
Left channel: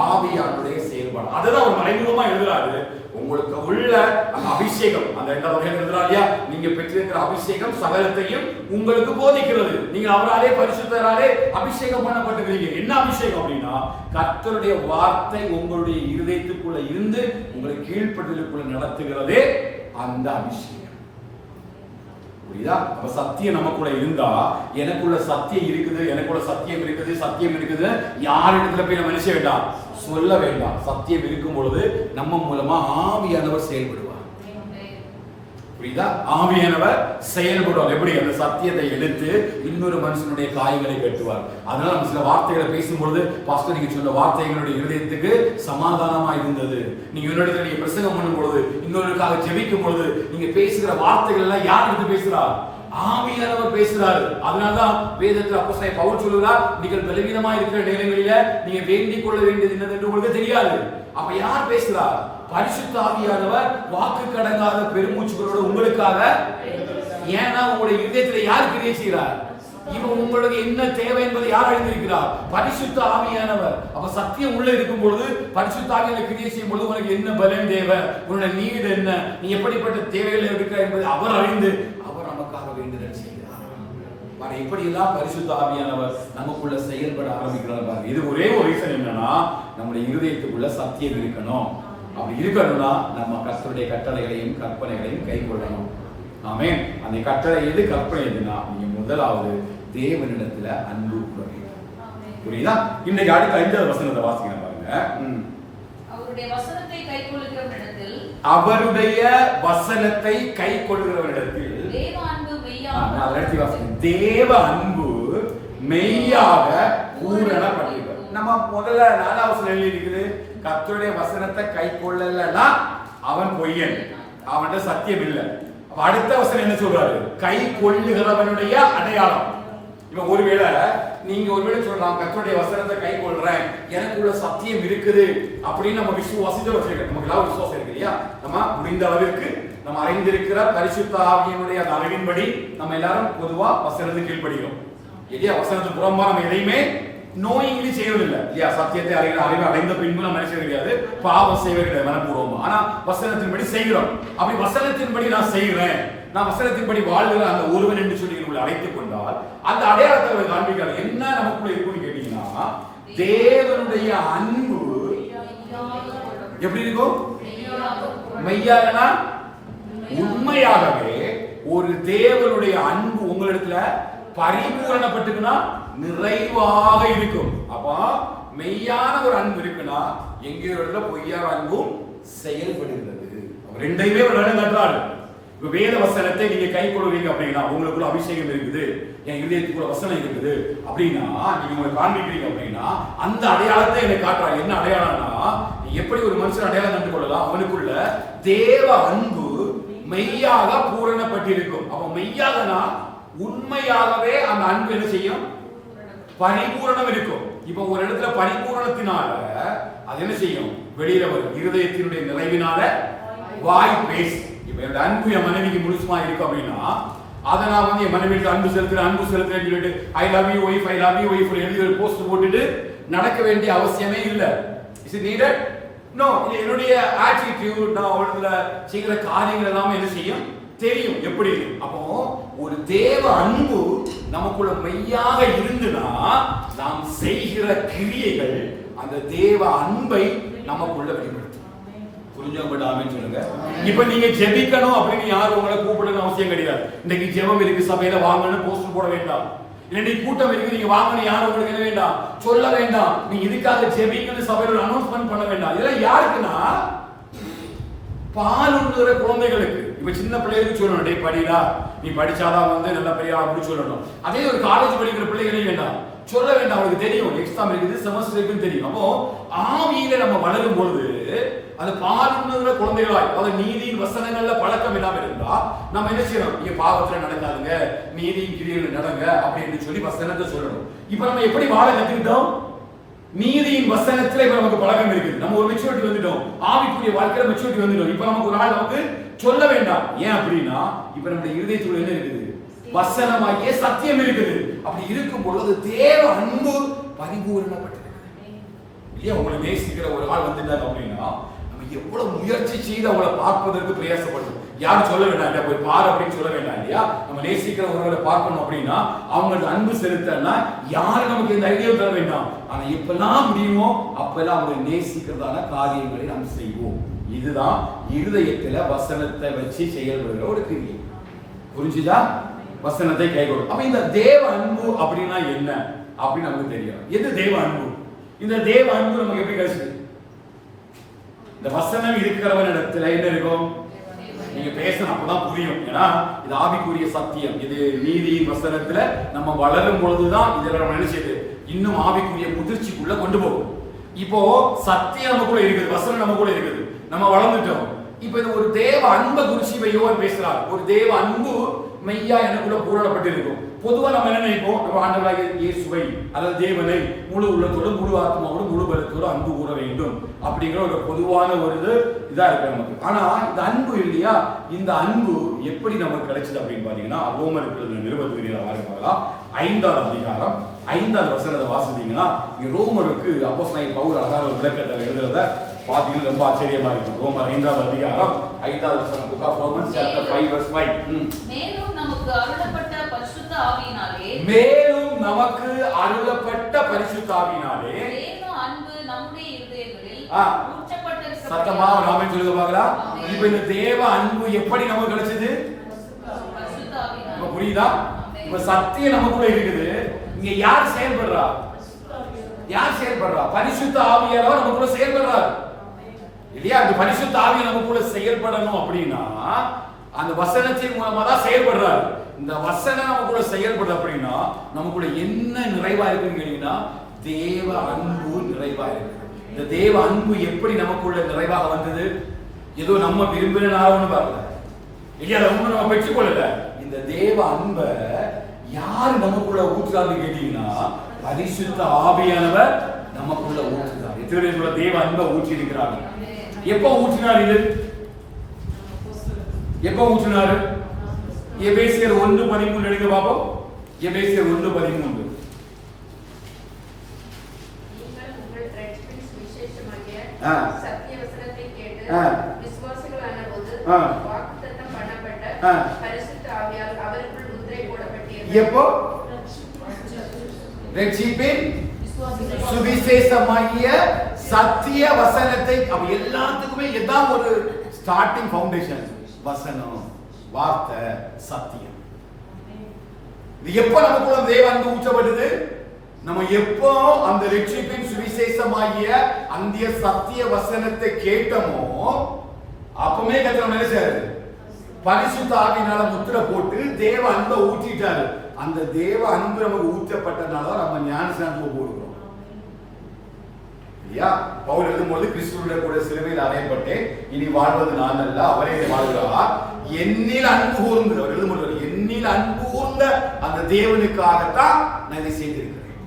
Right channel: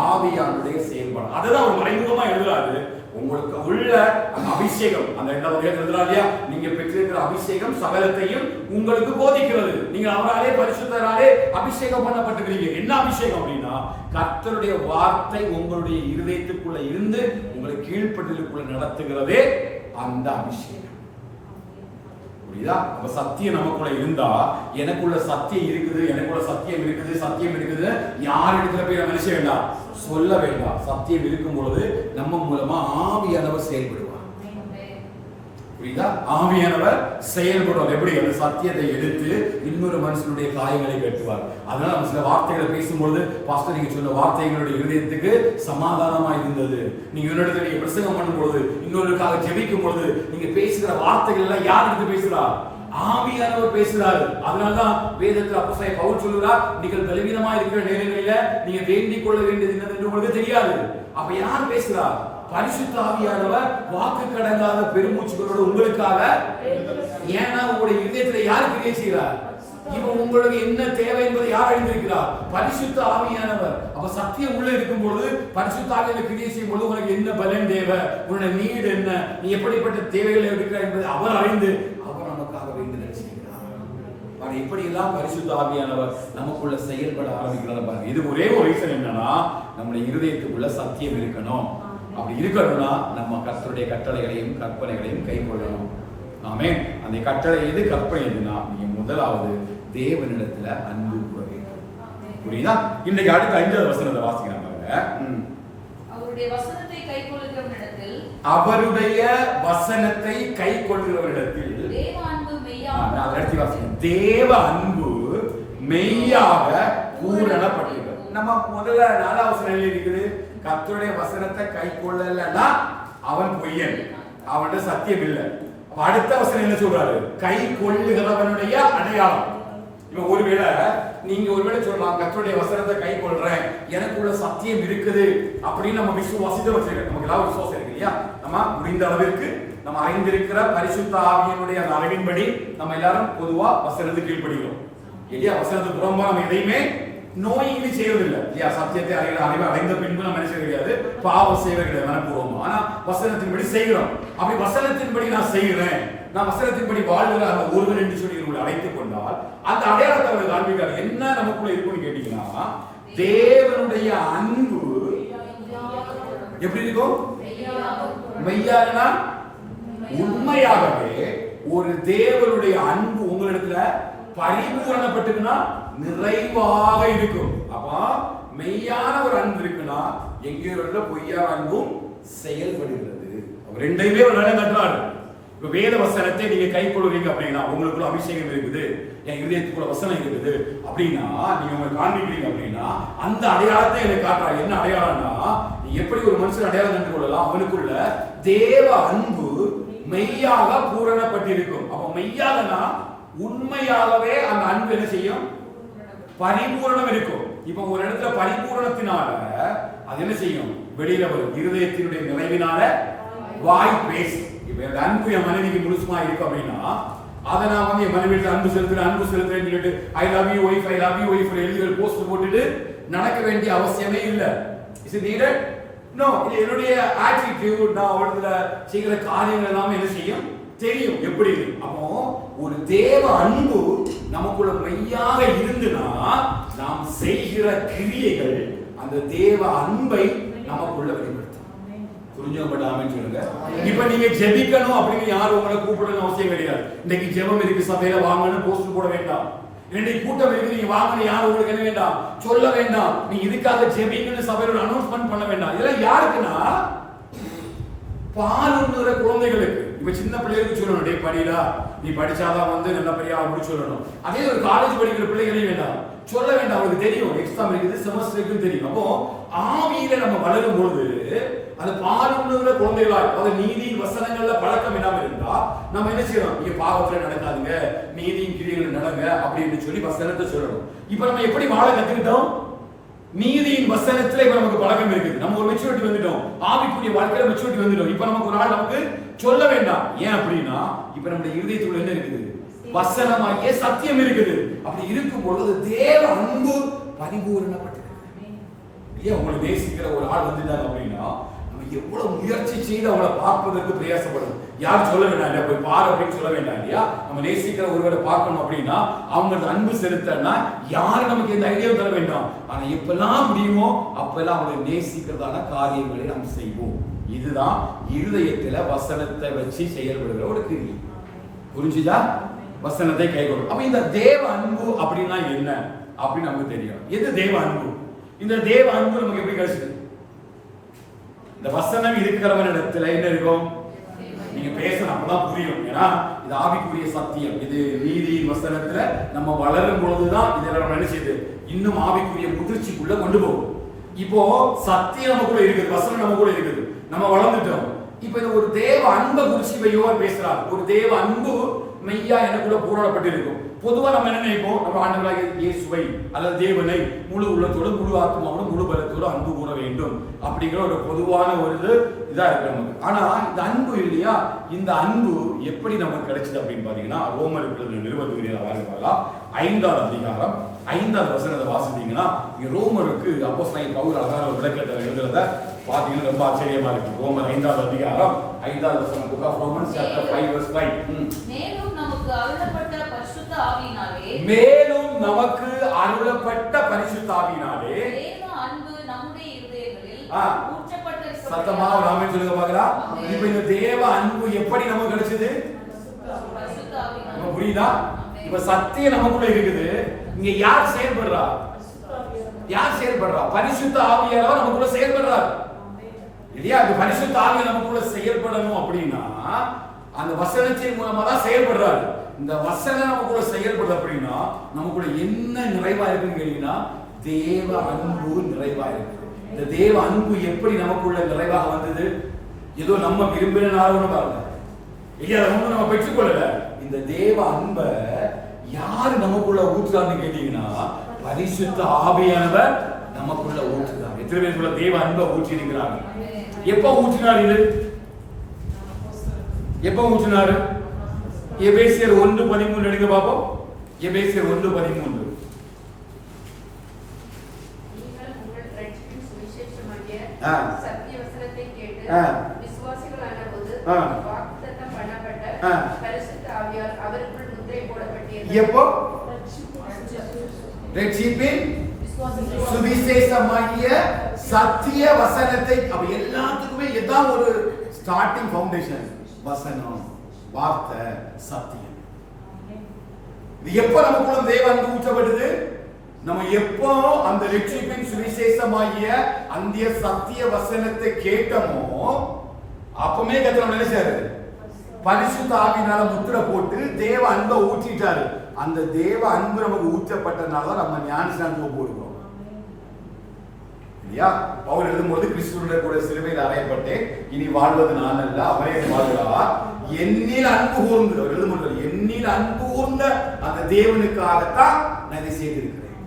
ஆவியானுடைய செயல்பாடு. அதுதான் ஒரு மறைமுகமா எழுதுறாரு. உங்களுக்கு உள்ள அந்த அபிஷேகம், அந்த 2வது எழுதுறா இல்லையா, நீங்க பெற்றிருக்கிற அபிஷேகம் சகலத்தையும் உங்களுக்கு போதிக்கிறது. நீங்க அவராலே பரிசுத்தராலே அபிஷேகம் பண்ணப்பட்டிருக்கீங்க. என்ன அபிஷேகம் அப்படின்னா, கர்த்தருடைய வார்த்தை உங்களுடைய இருதயத்துக்குள்ள இருந்து உங்களை கீழ்ப்படுதலுக்குள்ள நடத்துகிறதே அந்த அபிஷேகம். புரியுதா? அப்ப சத்தியம் நமக்குள்ள இருந்தா, எனக்குள்ள சத்தியம் இருக்குது, எனக்குள்ள சத்தியம் இருக்குது, சத்தியம் இருக்குது, யார் இடத்துல போய் நம்ம நினைச்ச வேண்டாம், சொல்ல வேண்டாம். சத்தியம் இருக்கும் பொழுது நம்ம மூலமா ஆவியானவர் செயல்படுவார். புரியுதா? ஆவியானவர் செயல்படுவார். எப்படி? அந்த சத்தியத்தை எடுத்து இன்னொரு மனுஷனுடைய காயங்களை கட்டுவார். அதனால நம்ம சில வார்த்தைகளை பேசும்பொழுது, பாஸ்டர் நீங்க சொன்ன வார்த்தைகளுடைய இருதயத்துக்கு சமாதானமா இருந்தது. நீங்க இன்னொரு நீங்க பிரசங்கம் பண்ணும் பொழுது, இன்னொருக்காக ஜெபிக்கும் பொழுது நீங்க பேசுகிற வார்த்தைகள் எல்லாம் யார் எடுத்து பேசுறார்? ஆவியானவர் பேசுறாரு. அதனாலதான் வேதத்தில் அப்போஸ்தலன் பவுல் சொல்லுகிறார், நீங்கள் பலவீனமா இருக்கிற நேரங்களில நீங்க வேண்டிக் கொள்ள வேண்டியது என்னது என்று உங்களுக்கு தெரியாது. அப்ப யார் பேசுறார்? பரிசுத்த ஆவியானவர் வாக்கு கடங்காத பெருமூச்சுகளோடு உங்களுக்காக. ஏன்னா உங்களுடைய இதயத்தில் யார் கிரியை செய்கிறார்? இவன் உங்களுக்கு என்ன தேவை என்பதை யார் அறிந்திருக்கிறார்? பரிசுத்த ஆவியானவர். அப்ப சத்தியம் உள்ள இருக்கும் பொழுது, பரிசுத்த ஆவியானவர் கிரியை செய்யும் பொழுது உனக்கு என்ன பலன் தேவை, உன்னுடைய நீடு என்ன, நீ எப்படிப்பட்ட தேவைகள் இருக்கிற என்பதை அவர் அறிந்து அவர் நமக்காக வேண்டுதல் செய்கிறார். எப்படி எல்லாம் பரிசுத்த ஆவியானவர் நமக்குள்ள செயல்பட ஆரம்பிக்கிறார் பாருங்க. இது ஒரே ஒரு ரீசன் என்னன்னா, நம்முடைய இருதயத்துக்குள்ள சத்தியம் இருக்கணும். அப்படி இருக்கணும்னா நம்ம கர்த்தருடைய கட்டளைகளையும் கற்பனைகளையும் கை கொள்ளணும். ஆமென். அந்த கட்டளை எது, கற்பனை எதுனா, நீங்க முதலாவது தேவனிடத்துல அன்பு கூற வேண்டும். புரியுதா? இன்னைக்கு அடுத்த 5வது வசனத்தை வாசிக்கலாம் பாருங்க. அவருடைய வசனத்தை கைக்கொள்கிறவரிடத்தில் தேவ அன்பு மெய்யாக பூரணப்பட்டிருக்கிறது. நம்ம முதல்ல 4வது வசனம் இருக்குது, கர்த்தருடைய வசனத்தை கை கொள்ளலன்னா அவன் பொய்யன், அவன்கிட்ட சத்தியம் இல்லை. அடுத்த வசனம் என்ன சொல்றாரு? கை கொள்ளுகிறவனுடைய அடையாளம். இவன் ஒருவேளை நீங்க ஒருவேளை சொல்லலாம், கர்த்தருடைய வசனத்தை கை கொள்றேன், எனக்குள்ள சத்தியம் இருக்குது அப்படின்னு நம்ம விசுவாசித்து வச்சிருக்கோம். நமக்கு எல்லாம் விசுவாசம் இருக்கு இல்லையா? நம்ம முடிந்த அளவிற்கு நம்ம அறிந்திருக்கிற பரிசுத்த ஆவியினுடைய அந்த அறிவின்படி நம்ம எல்லாரும் பொதுவா வசனத்துக்கு கீழ்ப்படுகிறோம் இல்லையா? வசனத்துக்கு புறம்பா நம்ம எதையுமே நோயின்றி செய்வதில்லை இல்லையா? சத்தியத்தை அறிவு அடைந்த பின்பு நம்ம என்ன செய்ய கிடையாது, பாவம் செய்வது கிடையாது மனப்பூர்வமா. ஆனா வசனத்தின்படி செய்கிறோம். அப்படி வசனத்தின்படி நான் செய்கிறேன், நான் வசனத்தின்படி வாழ்கிற அந்த ஒருவன் என்று சொல்லி உங்களை அழைத்துக் கொண்டால் அந்த அடையாளத்தை அவர் காண்பிக்கிறார். என்ன நமக்குள்ள இருக்குன்னு கேட்டீங்கன்னா, தேவனுடைய அன்பு எப்படி இருக்கும்? மெய்யாகனா உண்மையாகவே ஒரு தேவனுடைய அன்பு உங்களிடத்துல பரிபூரணப்பட்டுக்குன்னா நிறைவாக இருக்கும். அப்ப மெய்யான ஒரு அன்பு இருக்குன்னா எங்கேயோ பொய்யான அன்பும் செயல்படுகிறது. அவர் ரெண்டையுமே ஒரு நல்ல கட்டுறாரு. இப்ப வேத வசனத்தை நீங்க கை கொள்வீங்க அப்படின்னா, உங்களுக்குள்ள அபிஷேகம் இருக்குது, என் இதயத்துக்குள்ள வசனம் இருக்குது அப்படின்னா, நீங்க உங்களை காண்பிக்கிறீங்க அப்படின்னா, அந்த அடையாளத்தை எனக்கு காட்டுறாரு. என்ன அடையாளம்னா, எப்படி ஒரு மனுஷன் அடையாளம் கண்டு கொள்ளலாம்? அவனுக்குள்ள தேவ அன்பு மெய்யாக பூரணப்பட்டிருக்கும். அப்ப மெய்யாகனா உண்மையாகவே அந்த அன்பு என்ன செய்யும்? பரிபூரணம் இருக்கும். இப்ப ஒரு இடத்துல பரிபூரணத்தினால அது என்ன செய்யும்? வெளியில வரும். இருதயத்தினுடைய நிறைவினால வாய் பேசு. இப்ப இந்த அன்பு என் மனைவிக்கு முழுசுமா இருக்கு அப்படின்னா, அதை நான் வந்து என் மனைவிக்கு அன்பு செலுத்துறேன்னு சொல்லிட்டு I love you wife, I love you wife எழுதி ஒரு போஸ்ட் போட்டுட்டு நடக்க வேண்டிய அவசியமே இல்லை. Is it needed? நோ. என்னுடைய ஆட்டிடியூட், நான் அவளுக்கு செய்கிற காரியங்கள் எல்லாமே என்ன செய்யும்? தெரியும் எப்படி இருக்கு. அப்போ ஒரு தேவ அன்பு நமக்குள்ள மெய்யாக இருந்துனா, நாம் செய்கிற கிரியைகள் அந்த தேவ அன்பை நமக்குள்ள வெளிப்படுத்தும். புரிஞ்சவங்கடாமேன்னு சொல்லுங்க. இப்ப நீங்க ஜெபிக்கணும் அப்படின்னு யாரும் உங்களை கூப்பிடணும் அவசியம் கிடையாது. இன்னைக்கு ஜெபம் இருக்கு சபையில வாங்கன்னு போஸ்டர் போட வேண்டாம். இன்னைக்கு கூட்டம் இருக்கு நீங்க வாங்கன்னு யாரும் உங்களுக்கு என்ன வேண்டாம், சொல்ல வேண்டாம். நீங்க இதுக்காக ஜெபிக்கணும் சபையில அனௌன்ஸ்மெண்ட் பண்ண வேண்டாம். இதெல்லாம் யாருக்குன்னா, பால் உண்ணுகிற குழந்தைகளுக்கு. இப்ப சின்ன பிள்ளைகளுக்கு சொல்லணும், டே படிடா, நீ படிச்சாதான் வந்து நல்ல பெரிய அப்படி சொல்லணும். அதே ஒரு காலேஜ் படிக்கிற பிள்ளைகளையும் வேண்டாம், சொல்ல வேண்டாம். அவங்களுக்கு தெரியும் எக்ஸாம் இருக்குது, செமஸ்டர் இருக்குன்னு தெரியும். அப்போ ஆவியில நம்ம வளரும் பொழுது அது பால் உண்ணுகிற குழந்தைகளாய், அதாவது நீதியின் வசனங்கள்ல பழக்கம் இல்லாம இருந்தா நம்ம என்ன செய்யணும்? நீங்க பாவத்துல நடக்காதுங்க, நீதியின் கிரியைகள் நடங்க அப்படின்னு சொல்லி வசனத்தை சொல்லணும். இப்ப நம்ம எப்படி வாழ கத்துக்கிட்டோம்? நீதியின் வசனத்துல இப்ப நமக்கு பழக்கம் இருக்குது. நம்ம ஒரு மெச்சூரிட்டி வந்துட்டோம், ஆவிக்குரிய வாழ்க்கையில மெச்சூரிட்டி வந்துட்டோம். இப்ப நமக்கு ஒரு நாள் நமக்கு சொல்ல வேண்டாம். ஏன் அப்படின்னா, இப்ப நம்முடைய இருதயத்துக்குள்ள என்ன இருக்குது? வசனமாகிய சத்தியம் இருக்குது. அப்படி இருக்கும் பொழுது தேவ அன்பு பரிபூரணப்பட்டிருக்கு. இல்லையா? உங்களை நேசிக்கிற ஒரு ஆள் வந்துட்டாங்க அப்படின்னா, நம்ம எவ்வளவு முயற்சி செய்து அவங்களை பார்ப்பதற்கு பிரயாசப்படும். யாரும் சொல்ல வேண்டாம், இல்ல போய் பாரு அப்படின்னு சொல்ல வேண்டாம் இல்லையா? நம்ம நேசிக்கிற ஒருவரை பார்க்கணும் அப்படின்னா அவங்களுக்கு அன்பு செலுத்தனா யாரும் நமக்கு இந்த ஐடியா தர வேண்டாம். ஆனா எப்பெல்லாம் முடியுமோ அப்பெல்லாம் அவங்களை நேசிக்கிறதான காரியங்களை நாம் செய்வோம். இதுதான் இருதயத்துல வசனத்தை வச்சு செயல்படுகிற ஒரு கிரியை. புரிஞ்சுதா? வசனத்தை கைகொள்ளும். அப்ப இந்த தேவ அன்பு அப்படின்னா என்ன அப்படின்னு நமக்கு தெரியும். எது தேவ அன்பு? இந்த தேவ அன்பு நமக்கு எப்படி கிடைச்சது? இந்த வசனம் இருக்கிறவனிடத்துல என்ன இருக்கும்? நீங்க பேசணும், அப்பதான் புரியும். ஏன்னா இது ஆவிக்குரிய சத்தியம். இது நீதி வசனத்துல நம்ம வளரும் பொழுதுதான் இதுல நம்ம என்ன செய்யுது? இன்னும் ஆவிக்குரிய முதிர்ச்சிக்குள்ள கொண்டு போகும். இப்போ சத்தியம் நம்ம கூட இருக்குது, வசனம் நம்ம கூட இருக்குது, நம்ம வளர்ந்துட்டோம். இப்ப இது ஒரு தேவ அன்பை குறிச்சு யோவான் பேசுறாங்க. ஒரு தேவ அன்பு மெய்யா எனக்குள்ள பூரணப்பட்டிருக்கும். பொதுவா நம்ம என்ன நினைப்போம்? நம்ம ஆண்டவராகிய இயேசுவை அல்லது தேவனை முழு உள்ளத்தோடு, முழு ஆத்மாவோடு, முழு பலத்தோடு அன்பு கூற வேண்டும் அப்படிங்கிற ஒரு பொதுவான ஒரு இதா இருக்கு நமக்கு. ஆனா இந்த அன்பு இல்லையா, இந்த அன்பு எப்படி நமக்கு கிடைச்சது அப்படின்னு பாத்தீங்கன்னா, ரோமருக்கு நிறுவனத்துக்கு பார்க்கலாம். 5வது அதிகாரம் 5வது வசனத்தை வாசித்தீங்கன்னா, ரோமருக்கு அப்போஸ்தலனாகிய பவுல் அழகான ஒரு விளக்கத்தை எழுதுறத பாத்தீங்கன்னா ரொம்ப ஆச்சரியமா இருக்கு. ரோமர் 5வது அதிகாரம் 5வது வசனம், book of Romans chapter 5 verse 5. மேலும் நமக்கு அருளப்பட்ட பரிசுத்த ஆவியினாலே மேலும் நமக்கு அருளப்பட்ட பரிசுத்த ஆவியினாலே தேவ அன்பு நம்முடைய இருதயங்களில் ஆ. ஊற்றப்பட்டிருக்கிறது. சத்தமா ஒரு ஆமென் சொல்லுங்க பார்க்கலாம். இப்போ இந்த தேவ அன்பு எப்படி நமக்கு கிடைச்சது? பரிசுத்த ஆவியினாலே. இப்ப புரியுதா? இப்ப சத்தியம் நமக்குள்ள இருக்குது. இங்க யார் செயல்படுறா? யார் செயல்படுறா? பரிசுத்த ஆவியானவர் நமக்குள்ள செயல்படுறார் இல்லையா? அந்த பரிசுத்த ஆவியை நமக்குள்ள செயல்படணும் அப்படின்னா அந்த வசனத்தின் மூலமா தான் செயல்படுறாரு. இந்த வசனம் நமக்குள்ள செயல்படுது அப்படின்னா நமக்குள்ள என்ன நிறைவா இருக்குன்னு கேட்டீங்கன்னா தேவ அன்பு நிறைவா இருக்கு. இந்த தேவ அன்பு எப்படி நமக்குள்ள நிறைவாக வந்தது? ஏதோ நம்ம விரும்பினால ஒண்ணு வரல இல்லையா? அதை ஒண்ணு நம்ம பெற்றுக்கொள்ளல. இந்த தேவ அன்பை யாரு நமக்குள்ள ஊற்றுறான்னு கேட்டீங்கன்னா பரிசுத்த ஆவியானவர் நமக்குள்ள ஊற்றுறார். எத்தனை பேருக்குள்ள தேவ அன்பை ஊற்றி இருக்கிறாங்க? எப்ப ஊற்றினார்? இது எப்ப ஊற்றினாரு? எபேசியர் 1:13 எடுங்க பாப்போம். எபேசியர் 1:13. நீங்கள் உங்கள் ரட்சிப்பின் சுவிசேஷமாகிய ஆ. சத்திய வசனத்தை கேட்டு ஆ. விசுவாசிகளானபோது ஆ. வாக்குத்தத்தம் பண்ணப்பட்ட ஆ. பரிசுத்த ஆவியால் அவருக்குள் முத்திரை போடப்பட்டது. எப்போ? ரட்சிப்பின் சுவிசேஷமாகிய சத்திய வசனத்தை. அப்ப எல்லாத்துக்குமே இதான் ஒரு ஸ்டார்டிங் ஃபவுண்டேஷன். வசனம், வார்த்தை, சத்தியம். இது எப்ப நமக்குள்ள தேவ அன்பு ஊற்றப்பட்டது? நம்ம எப்போ அந்த ரட்சிப்பின் சுவிசேஷமாகிய அந்த சத்திய வசனத்தை கேட்டோமோ அப்பமே கர்த்தர் என்ன செய்றாரு? பரிசுத்த ஆவியினால முத்திரை போட்டு தேவ அன்பை ஊற்றிட்டாரு. அந்த தேவ அன்பு நமக்கு ஊற்றப்பட்டனால நம்ம ஞானஸ்நானத்துக்கு போடுகிறோம் இல்லையா? பவுல் எழுதும்போது கிறிஸ்துவுடைய கூட சிலுவையில் அறையப்பட்டேன், இனி வாழ்வது நான் அல்ல அவரே வாழ்கிறார். என்னில் அன்பு கூர்ந்து, அவர் எழுதும்போது என்னில் அன்பு கூர்ந்த அந்த தேவனுக்காகத்தான் நான் இதை செய்திருக்கிறேன்.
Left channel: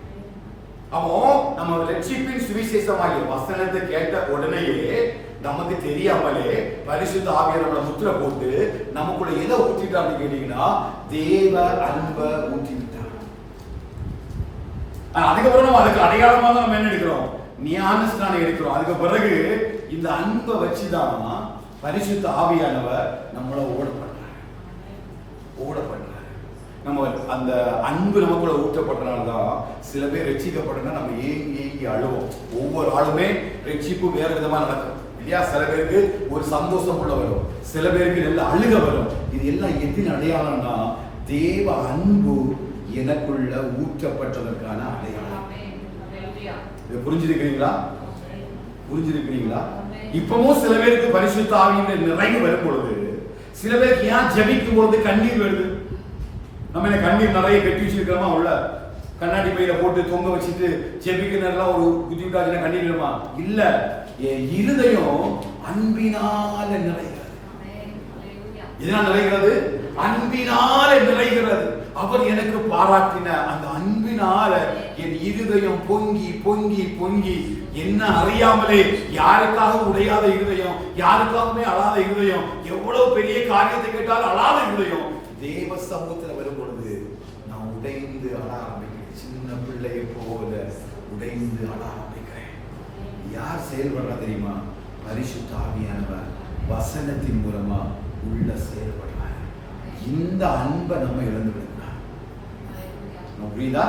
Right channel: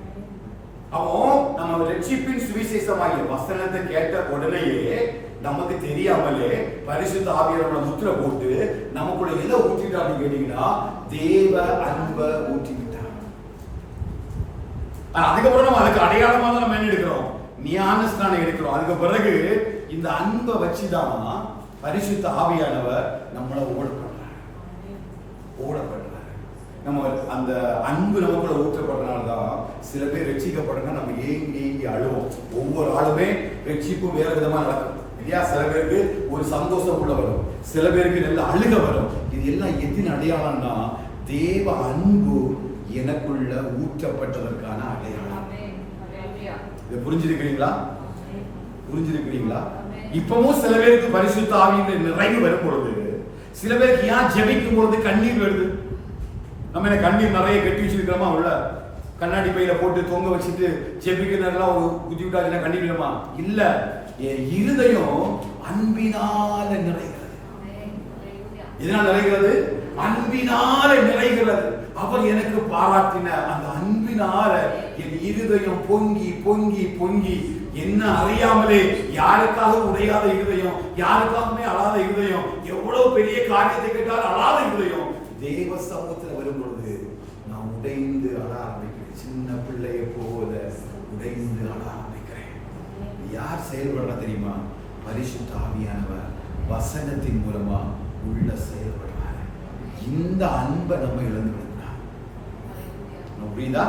அப்போ நம்ம ரட்சிப்பின் சுவிசேஷமாகிய வசனத்தை கேட்ட உடனேயே நமக்கு தெரியாமலே பரிசுத்த ஆவியானவரை முத்திரை போட்டு நமக்குள்ள எதை ஊற்றிட்டார் கேட்டீங்கன்னா தேவ அன்பை ஊற்றி விட்டார். அதுக்கப்புறம் நம்ம அதுக்கு அடையாளமா தான் நம்ம என்ன எடுக்கிறோம்? ஞானஸ்நானம் எடுக்கிறோம். அதுக்கு பிறகு இந்த அன்பை வச்சுதான் பரிசுத்த ஆவியானவர் நம்மளை ஓடப்படுறாரு. நம்ம அந்த அன்பு நமக்குள்ள ஊற்றப்பட்டனால்தான் சில பேர் ரட்சிக்கப்படுறா நம்ம ஏங்கி அழுவோம். ஒவ்வொரு ஆளுமே ரட்சிப்பு வேற விதமா நடக்கும் இல்லையா? சில பேருக்கு ஒரு சந்தோஷம் உள்ள வரும், சில பேருக்கு நல்ல அழுக வரும். இது எல்லாம் எத்தின் அடையாளம்னா தேவ அன்பு எனக்குள்ள ஊற்றப்பட்டதற்கான அடையாளம். இதை புரிஞ்சிருக்கிறீங்களா? இப்பவும் சில பேருக்கு பரிசுத்த ஆவியின் நிறைவு வரும் பொழுது சில பேருக்கு ஏன் ஜெபிக்கும் பொழுது கண்ணீர் வருது? நம்ம என்ன கண்ணீர் நிறைய கட்டி வச்சிருக்கிறோமா? உள்ள கண்ணாடி பையில போட்டு தொங்க வச்சுட்டு ஜெபிக்கிறதெல்லாம் ஒரு குத்தி விட்டாச்சுன்னா கண்ணீர் வருமா? இல்ல, என் இருதயம் அன்பினால நிறைகிறது. இதனால் நிறைகிறது? அன்பினால நிறைகிறது. அவர் எனக்கு பாராட்டின அந்த அன்பினால என் இருதயம் பொங்கி பொங்கி பொங்கி என்ன அறியாமலே யாருக்காக உடையாத இருதயம், யாருக்காகவே அழாத இருதயம், எவ்வளவு பெரிய காரியத்தை கேட்டால் அழாத இருதயம் தேவ சமூகத்தில் வரும் பொழுது நான் உடைந்து அழ ஆரம்பிக்கிறேன். சின்ன பிள்ளையை போல உடைந்து அழ ஆரம்பிக்கிறேன். யார் செயல்படுறா தெரியுமா? பரிசுத்த ஆவியானவர் வசனத்தின் மூலமா உள்ள செயல்படுவார். இந்த அன்பை நம்ம இழந்து விடுறோம். புரியுதா?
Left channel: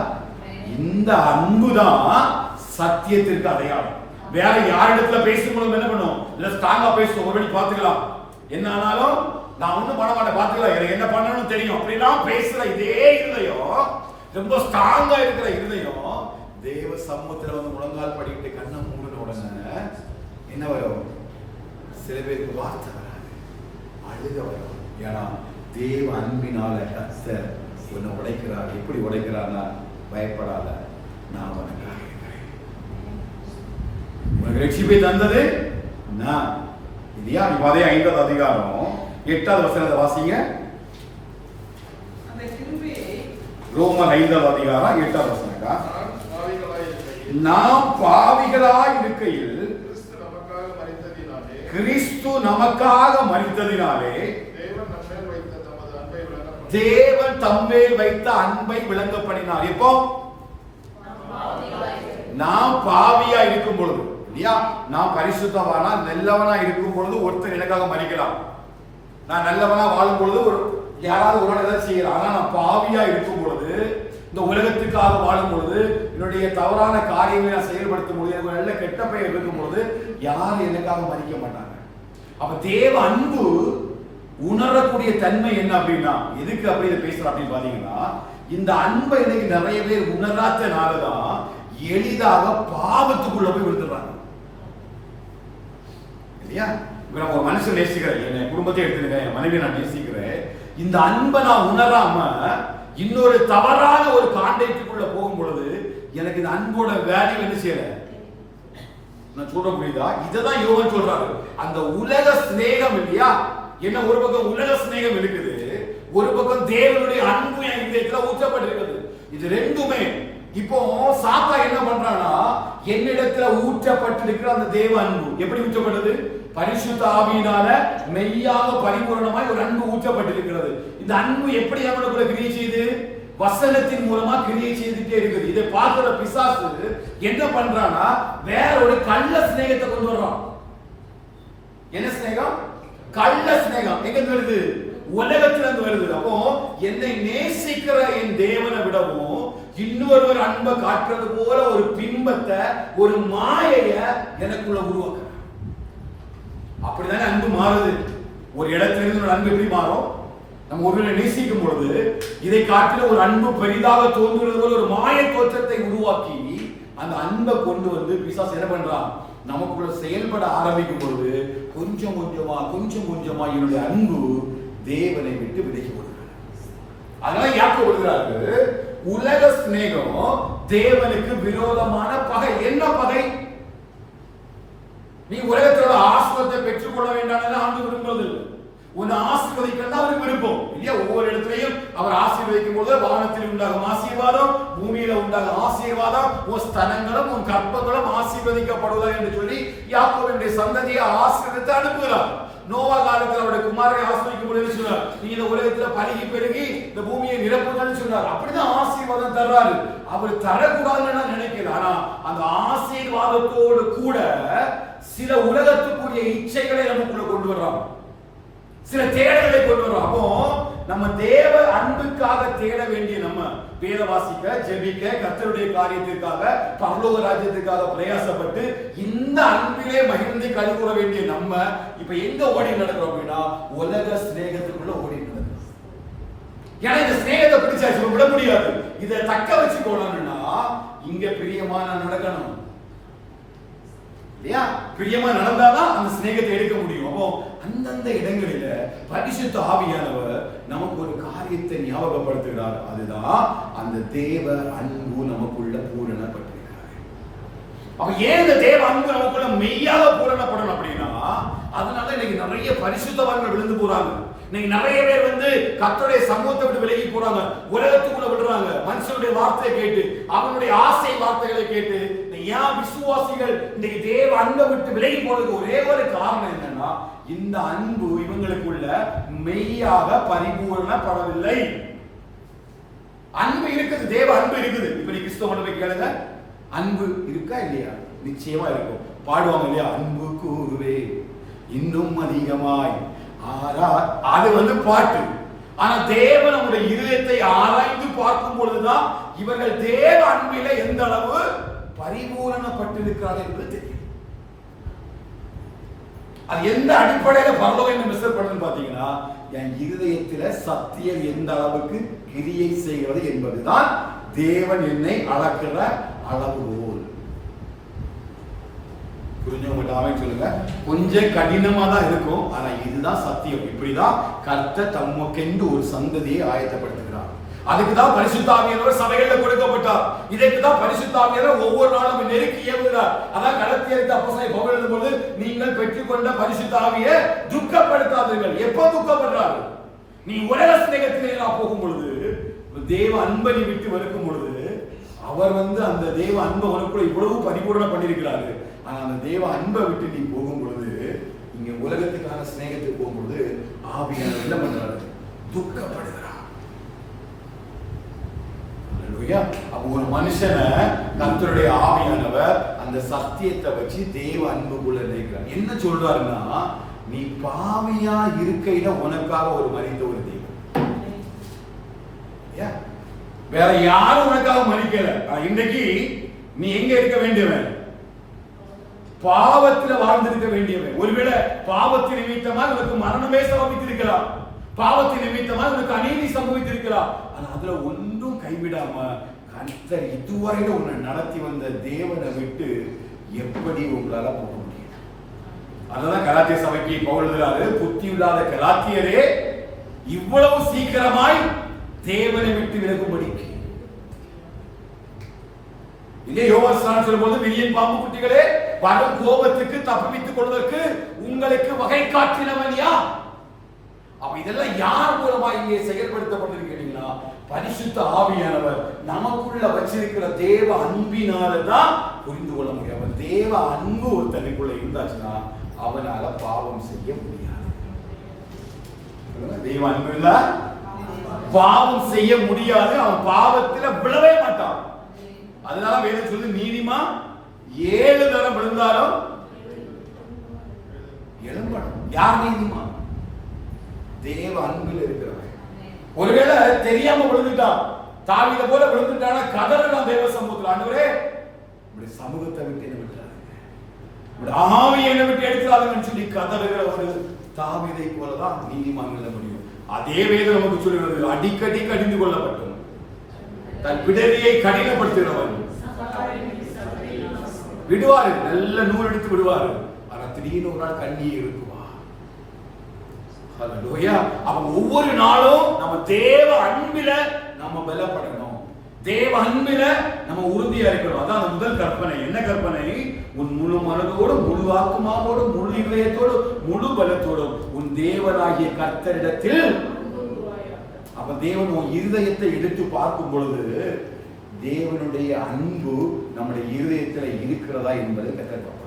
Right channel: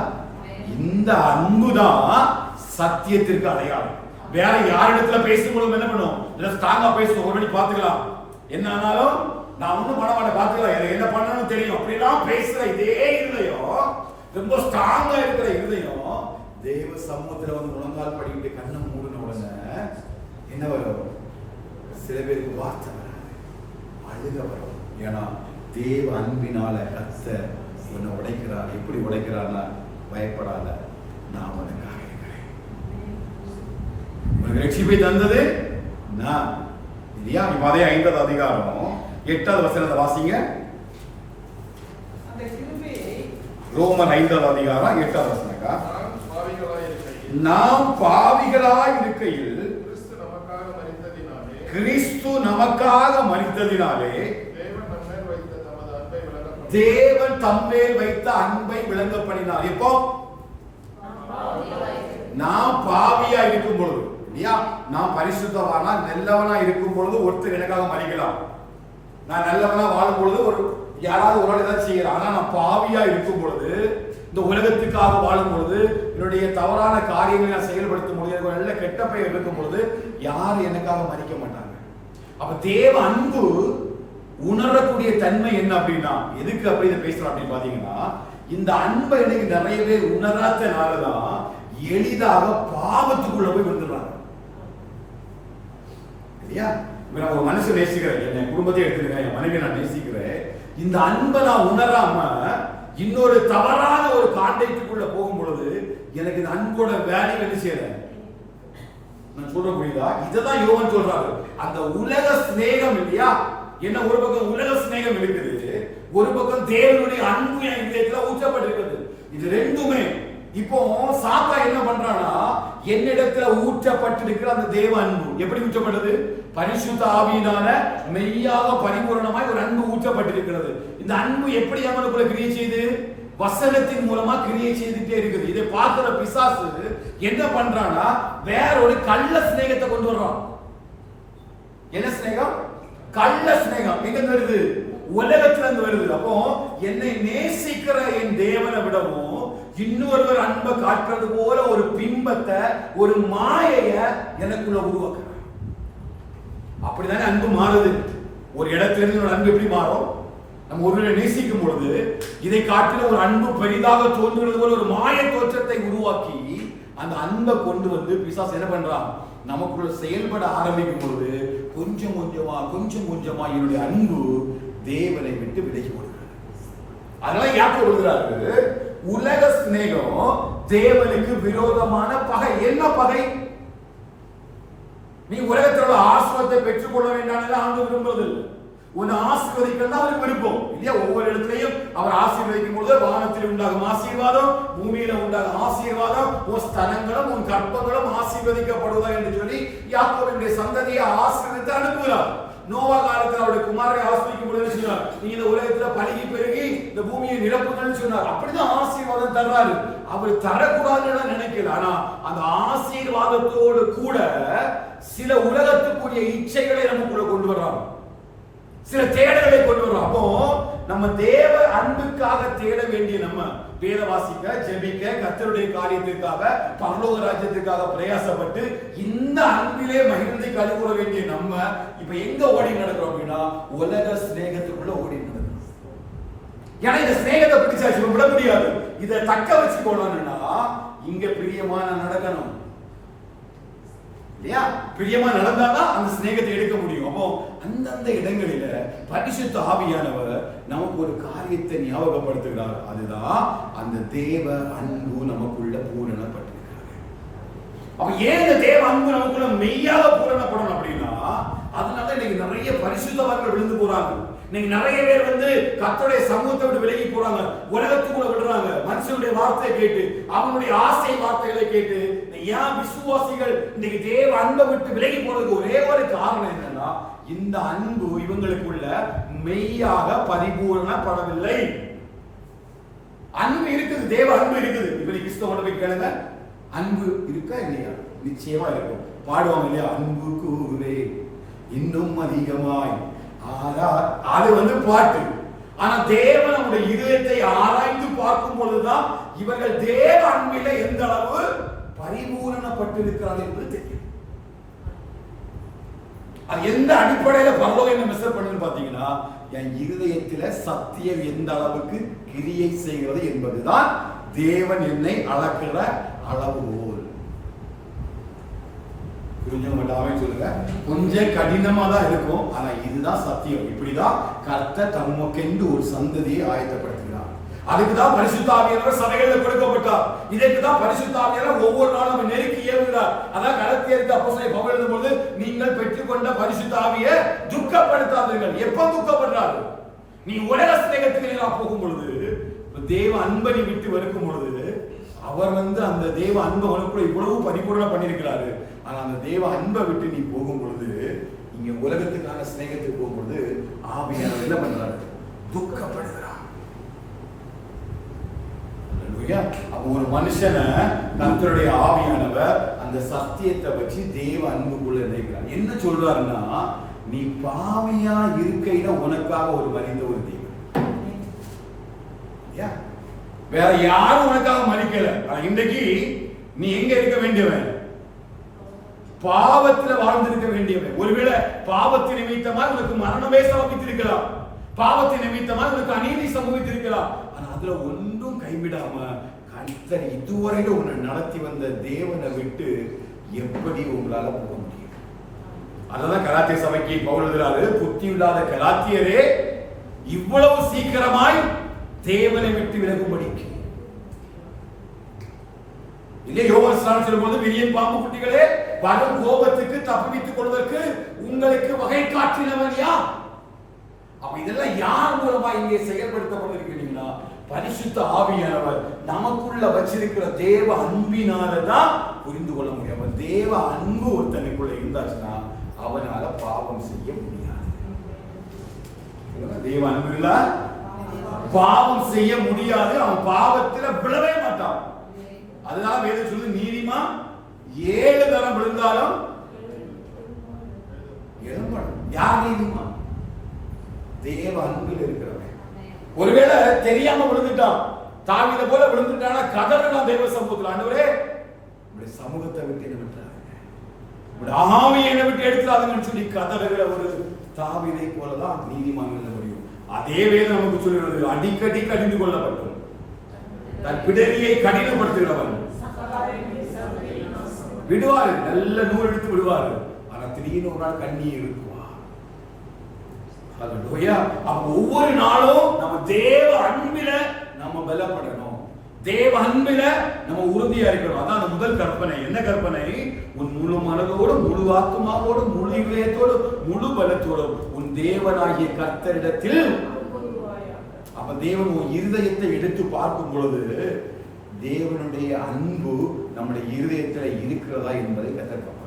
இந்த அன்புதான் சத்தியத்திற்கு அடையாளம். வேற யாரிடத்துல பேசும்போது என்ன பண்ணும்? ஸ்ட்ராங்கா பேசுவோம், ஒரு வழி பாத்துக்கலாம், என்ன ஆனாலும் நான் ஒண்ணும் பண்ண மாட்டேன், பாத்துக்கலாம், என்ன பண்ணணும்னு தெரியும் அப்படிலாம் பேசுற இதே இருதயம், ரொம்ப ஸ்ட்ராங்கா இருக்கிற இருதயம் தேவ சமூகத்துல வந்து முழங்கால் படிக்கிட்டு கண்ணை மூடின உடனே என்ன வரும்? சில பேருக்கு வார்த்தை வராது, அழுக வரும். ஏன்னா தேவ அன்பினால கர்த்தர் உன்னை உடைக்கிறார். எப்படி உடைக்கிறார்னா, பயப்படாத, நான் உனக்காக இருக்கிறேன். உனக்கு ரட்சிப்பை தந்தது நான் இல்லையா? இப்ப அதே 5வது அதிகாரம் 8வது வசனத்தை வாசிங்க. ரோமர் 5வது அதிகாரம் 8வது வசனக்கா. நாம் பாவிகளாய் இருக்கையில் கிறிஸ்து நமக்காக மரித்ததினாலே தேவன் தம்மேல் வைத்த அன்பை விளங்கப்படினார். எப்போ? நாம் பாவியா இருக்கும் பொழுது இல்லையா? நான் பரிசுத்தவானா நல்லவனா இருக்கும் பொழுது ஒருத்தர் எனக்காக மரிக்கலாம். நான் நல்லவனா வாழும் பொழுது யாராவது ஒரு நாள் ஏதாவது செய்யலாம். ஆனா நான் பாவியா இருக்கும் பொழுது, இந்த உலகத்துக்காக வாழும் பொழுது, என்னுடைய தவறான காரியங்களை நான் செயல்படுத்தும் பொழுது, எனக்கு நல்ல கெட்ட பெயர் இருக்கும் பொழுது யாரும் எனக்காக மதிக்க மாட்டாங்க. அப்ப தேவ அன்பு உணரக்கூடிய தன்மை என்ன அப்படின்னா, எதுக்கு அப்படி இதை பேசுறோம் அப்படின்னு பாத்தீங்கன்னா, இந்த அன்பை எனக்கு நிறைய பேர் உணராதனாலதான் எளிதாக பாவத்துக்குள்ள போய் விழுந்துடுறாங்க இல்லையா? நான் ஒரு மனுஷன் நேசிக்கிறேன், என் குடும்பத்தை எடுத்துக்கிறேன், என் மனைவியை நான் நேசிக்கிறேன். இந்த அன்பை நான் உணராம இன்னொரு தவறான ஒரு காண்டேட்டுக்குள்ள போகும் பொழுது எனக்கு இந்த அன்போட வேல்யூ என்ன செய்யல. நான் சொல்ற புரியுதா? இததான் யோகன் சொல்றாரு. அந்த உலக சிநேகம் இல்லையா, என்ன ஒரு பக்கம் உலக சிநேகம் இருக்குது, ஒரு பக்கம் தேவனுடைய அன்பு என் இதயத்துல ஊற்றப்பட்டிருக்கிறது. இது ரெண்டுமே இப்போ சாத்தா என்ன பண்றானா, என்னிடத்துல ஊற்றப்பட்டிருக்கிற அந்த தேவ அன்பு எப்படி ஊற்றப்பட்டது? பரிசுத்த ஆவியினால மெய்யாக பரிபூரணமாய் ஒரு அன்பு ஊற்றப்பட்டிருக்கிறது. இந்த அன்பு எப்படி அவனுக்குள்ள கிரியை செய்து? வசனத்தின் மூலமா கிரியை செய்துட்டே இருக்குது. இதை பார்க்கிற பிசாசு என்ன பண்றானா, வேற ஒரு கள்ள சிநேகத்தை கொண்டு வர்றான். என்ன சிநேகம்? கள்ள சிநேகம். எங்க வருது? உலகத்துல இருந்து வருது. அப்போ என்னை நேசிக்கிற என் தேவனை விடவும் இன்னொருவர் அன்பை காட்டுறது போல ஒரு பிம்பத்தை, ஒரு மாயைய எனக்குள்ள உருவாக்குற. அப்படித்தானே அன்பு மாறுது. ஒரு இடத்துல இருந்து ஒரு அன்பு எப்படி மாறும்? நம்ம ஒருவரை நேசிக்கும் பொழுது இதை காட்டில ஒரு அன்பு பெரிதாக தோன்றுவது போல ஒரு மாய தோற்றத்தை உருவாக்கி அந்த அன்பை கொண்டு வந்து பிசாசு என்ன பண்றான், நமக்குள்ள செயல்பட ஆரம்பிக்கும் பொழுது கொஞ்சம் கொஞ்சமா என்னுடைய அன்பு தேவனை விட்டு விலகி ஓடுகிறது. அதனால யாக்கோபு எழுதுறாரு, உலக சிநேகம் தேவனுக்கு விரோதமான பகை. என்ன பகை? நீ உலகத்தோட ஆசீர்வாதத்தை பெற்றுக்கொள்ள வேண்டாம் ஆண்டு விரும்புவதில்லை. உன்னை ஆசீர்வதிக்கணும் அவருக்கு விருப்பம் இல்லையா? ஒவ்வொரு இடத்துலையும் அவர் ஆசீர்வதிக்கும் பொழுது வானத்தில் உண்டாகும் ஆசீர்வாதம், பூமியில உண்டாகும் ஆசீர்வாதம், உன் ஸ்தலங்களும் உன் கற்பங்களும் ஆசீர்வதிக்கப்படுவதா என்று சொல்லி யாக்கோபுடைய சந்ததியை ஆசீர்வதித்து அனுப்புகிறார். நோவா காலத்தில் அவருடைய குமாரை ஆசீர்வதிக்கும் பொழுது சொன்னார், நீ இந்த உலகத்துல பருகி பெருகி இந்த பூமியை நிரப்புங்கன்னு சொன்னார். அப்படிதான் ஆசீர்வாதம் தர்றாரு. அவர் தரக்கூடாதுன்னு நினைக்கிறது. ஆனா அந்த ஆசீர்வாதத்தோடு கூட சில உலகத்துக்குரிய இச்சைகளை நமக்குள்ள கொண்டு வர்றாங்க, சில தேடல்களை கொண்டு வரும். அப்போ நம்ம தேவ அன்புக்காக தேட வேண்டிய, நம்ம வேத வாசிக்க, ஜெபிக்க, கர்த்தருடைய காரியத்திற்காக, பரலோக ராஜ்யத்திற்காக பிரயாசப்பட்டு இந்த அன்பிலே மகிழ்ந்து கழிவுற வேண்டிய நம்ம இப்ப எங்க ஓடி நடக்கிறோம் அப்படின்னா, உலக சிநேகத்துக்குள்ள ஓடி நடக்கிறோம். ஏன்னா இந்த சிநேகத்தை பிடிச்சாச்சு விட முடியாது. இதை தக்க வச்சுக்கணும்னா இங்க பிரியமான நடக்கணும் இல்லையா? பிரியமா நடந்தாதான் அந்த சிநேகத்தை எடுக்க முடியும். அப்போ அந்தந்த இடங்களில பரிசுத்த ஆவியானவர் நமக்கு ஒரு காரியத்தை ஞாபகப்படுத்துகிறார். அதுதான் அந்த தேவ அன்பு நமக்குள்ள பூரணப்பட்டிருக்கிறது. அப்ப ஏன் இந்த தேவ அன்பு நமக்குள்ள மெய்யாக பூரணப்படணும் அப்படின்னா, அதனால இன்னைக்கு நிறைய பரிசுத்தவான்கள் விழுந்து போறாங்க. இன்னைக்கு நிறைய பேர் கர்த்தருடைய சமூகத்தை விட்டு விலகி போறாங்க, உலகத்துக்குள்ள விடுறாங்க. மனுஷனுடைய வார்த்தையை கேட்டு, அவனுடைய ஆசை வார்த்தைகளை கேட்டு ஏன் விசுவாசிகள் இன்னைக்கு தேவ அன்பை விட்டு விலகி போறதுக்கு ஒரே ஒரு காரணம் என்னன்னா, இந்த அன்பு இவங்களுக்குள்ள மெய்யாக பரிபூரணப்படவில்லை. அன்பு இருக்குது, தேவ அன்பு இருக்குது. இப்படி கிறிஸ்தவ போய் கேளுங்க, அன்பு இருக்கா இல்லையா? நிச்சயமா இருக்கும். பாடுவாங்க இல்லையா, அன்பு கூறுவே இன்னும் அதிகமாய் அது பாட்டு. ஆனா தேவன் நம்முடைய இதயத்தை ஆராய்ந்து பார்க்கும் பொழுதுதான் இவர்கள் தேவ அன்பில எந்த அளவு பரிபூரணப்பட்டிருக்கிறார்கள் என்பது தெரியும். அது எந்த அடிப்படையில பரலோகம் என்ன மெஷர் பண்ணுன்னு பாத்தீங்கன்னா, என் இருதயத்தில சத்தியம் எந்த அளவுக்கு கிரியை செய்கிறது என்பதுதான் தேவன் என்னை அளக்கிற அளவுகோல். புரிஞ்சவங்க சொல்லுங்க. கொஞ்சம் கடினமா தான் இருக்கும், ஆனா இதுதான் சத்தியம். இப்படிதான் கர்த்தர் தமக்கென்று ஒரு சந்ததியை ஆயத்தப்படுத்துகிறார். அதுக்குதான் பரிசுத்த ஆவியானவர் சபைகள்ல கொடுக்கப்பட்டார். இதற்குதான் பரிசுத்த ஆவியானவர் ஒவ்வொரு நாளும் நெருக்கி ஏவுகிறார். அதான் கலத்தியருக்கு அப்போஸ்தலன் பவுல் எழுதும்போது, நீங்கள் பெற்றுக்கொண்ட பரிசுத்த ஆவியை துக்கப்படுத்தாதீர்கள். எப்ப துக்கப்படுறாரு? நீ உலக சிநேகத்திலே போகும் பொழுது, தேவ அன்பை விட்டு வெறுக்கும் பொழுது, அவர் அந்த தேவ அன்பை உனக்குள்ள இவ்வளவு பரிபூரணம் பண்ணியிருக்கிறாரு. ஆனா அந்த தேவ அன்பை விட்டு நீ போகும் பொழுது, இங்க உலகத்துக்கான சிநேகத்துக்கு போகும் பொழுது ஆவியானவர் என்ன பண்றாரு? துக்கப்படுகிறார். அப்ப ஒரு மனுஷனை கர்த்தருடைய ஆவியானவர் அந்த சத்தியத்தை வச்சு தேவ அன்புக்குள்ள நினைக்கிறார். என்ன சொல்றாருன்னா, நீ பாவியா இருக்கையில உனக்காக ஒரு மரித்த ஒரு தேவன், வேற யாரும் உனக்காக மறிக்கல. ஆனா இன்றைக்கு நீ எங்க இருக்க வேண்டியவன்? பாவத்தில் வாழ்ந்திருக்க வேண்டியவன். ஒருவேளை பாவத்தின் நிமித்தமாக உனக்கு மரணமே சம்பவித்திருக்கலாம், பாவத்தின் நிமித்தமாக உனக்கு அநீதி சம்பவித்திருக்கலாம். ஆனா அதுல ஒன்றும் கைவிடாம கர்த்தர் இதுவரையில உன்னை நடத்தி வந்த தேவனை விட்டு எப்படி உங்களால போக முடியும்? அததான் கலாத்திய சபைக்கு பவுல் எழுதுறாரு, புத்தி இல்லாத கலாத்தியரே இவ்வளவு சீக்கிரமாய் தேவனை விட்டு விலகும்படிக்கு. இல்லையே யோவான் ஸ்நானம் சொல்லும்போது, விரியன் பாம்பு குட்டிகளே, பகல் கோபத்துக்கு தப்பித்துக் கொள்வதற்கு உங்களுக்கு வகை காட்டினவன் யார்? அப்ப இதெல்லாம் யார் மூலமா இங்கே செயல்படுத்தப்பட்டிருக்கிறீங்கன்னா, பரிசுத்த ஆவியானவர் நமக்குள்ள வச்சிருக்கிற தேவ அன்பினாலதான் புரிந்து கொள்ள முடியும். அவன் தேவ அன்பு ஒருத்தனுக்குள்ள இருந்தாச்சுன்னா அவனால பாவம் செய்ய முடியாது. தேவ அன்பு இல்ல பாவம் செய்ய முடியாது. அவன் பாவத்துல விழவே மாட்டான். அதனால வேதம் சொல்லுது, நீதிமான் 7 தரம் விழுந்தாலும் எழும்பணும். யார் நீதிமான்? தேவ அன்பில் இருக்கிறவன். ஒருவேளை தெரியாம விழுந்துட்டான், தாவீதை போல விழுந்துட்டானா கதறலாம் தேவ சமூகத்தில், ஆண்டவரே இப்படி சமூகத்தை விட்டு என்ன விட்டுறாங்க, இப்படி ஆவியை என்ன விட்டு எடுத்துறாங்கன்னு சொல்லி கதறுகிற ஒரு தாவீதை போலதான் நீதிமான் எழுத முடியும். அதே வேதம் நமக்கு சொல்லுகிறது, அடிக்கடி கடிந்து கொள்ளப்பட்டோம், தன் பிடரியை கடினப்படுத்துகிறவன் விடுவாரு, நல்ல நூல் எடுத்து விடுவாரு, ஆனா திடீர்னு ஒரு நாள் கண்ணியே இருக்குவா. அப்ப ஒவ்வொரு நாளும் நம்ம தேவ அன்பில நம்ம பலப்படணும், தேவ அன்பில நம்ம உறுதியா இருக்கணும். அதான் அந்த முதல் கற்பனை. என்ன கற்பனை? உன் முழு மனதோடு, முழு ஆத்மாவோடு, முழு இதயத்தோடு, முழு பலத்தோடும் உன் தேவனாகிய கர்த்தரிடத்தில். அப்ப தேவன் உன் இருதயத்தை எடுத்து பார்க்கும் பொழுது தேவனுடைய அன்பு நம்முடைய இருதயத்துல இருக்கிறதா என்பதை கத்தர்க்கலாம்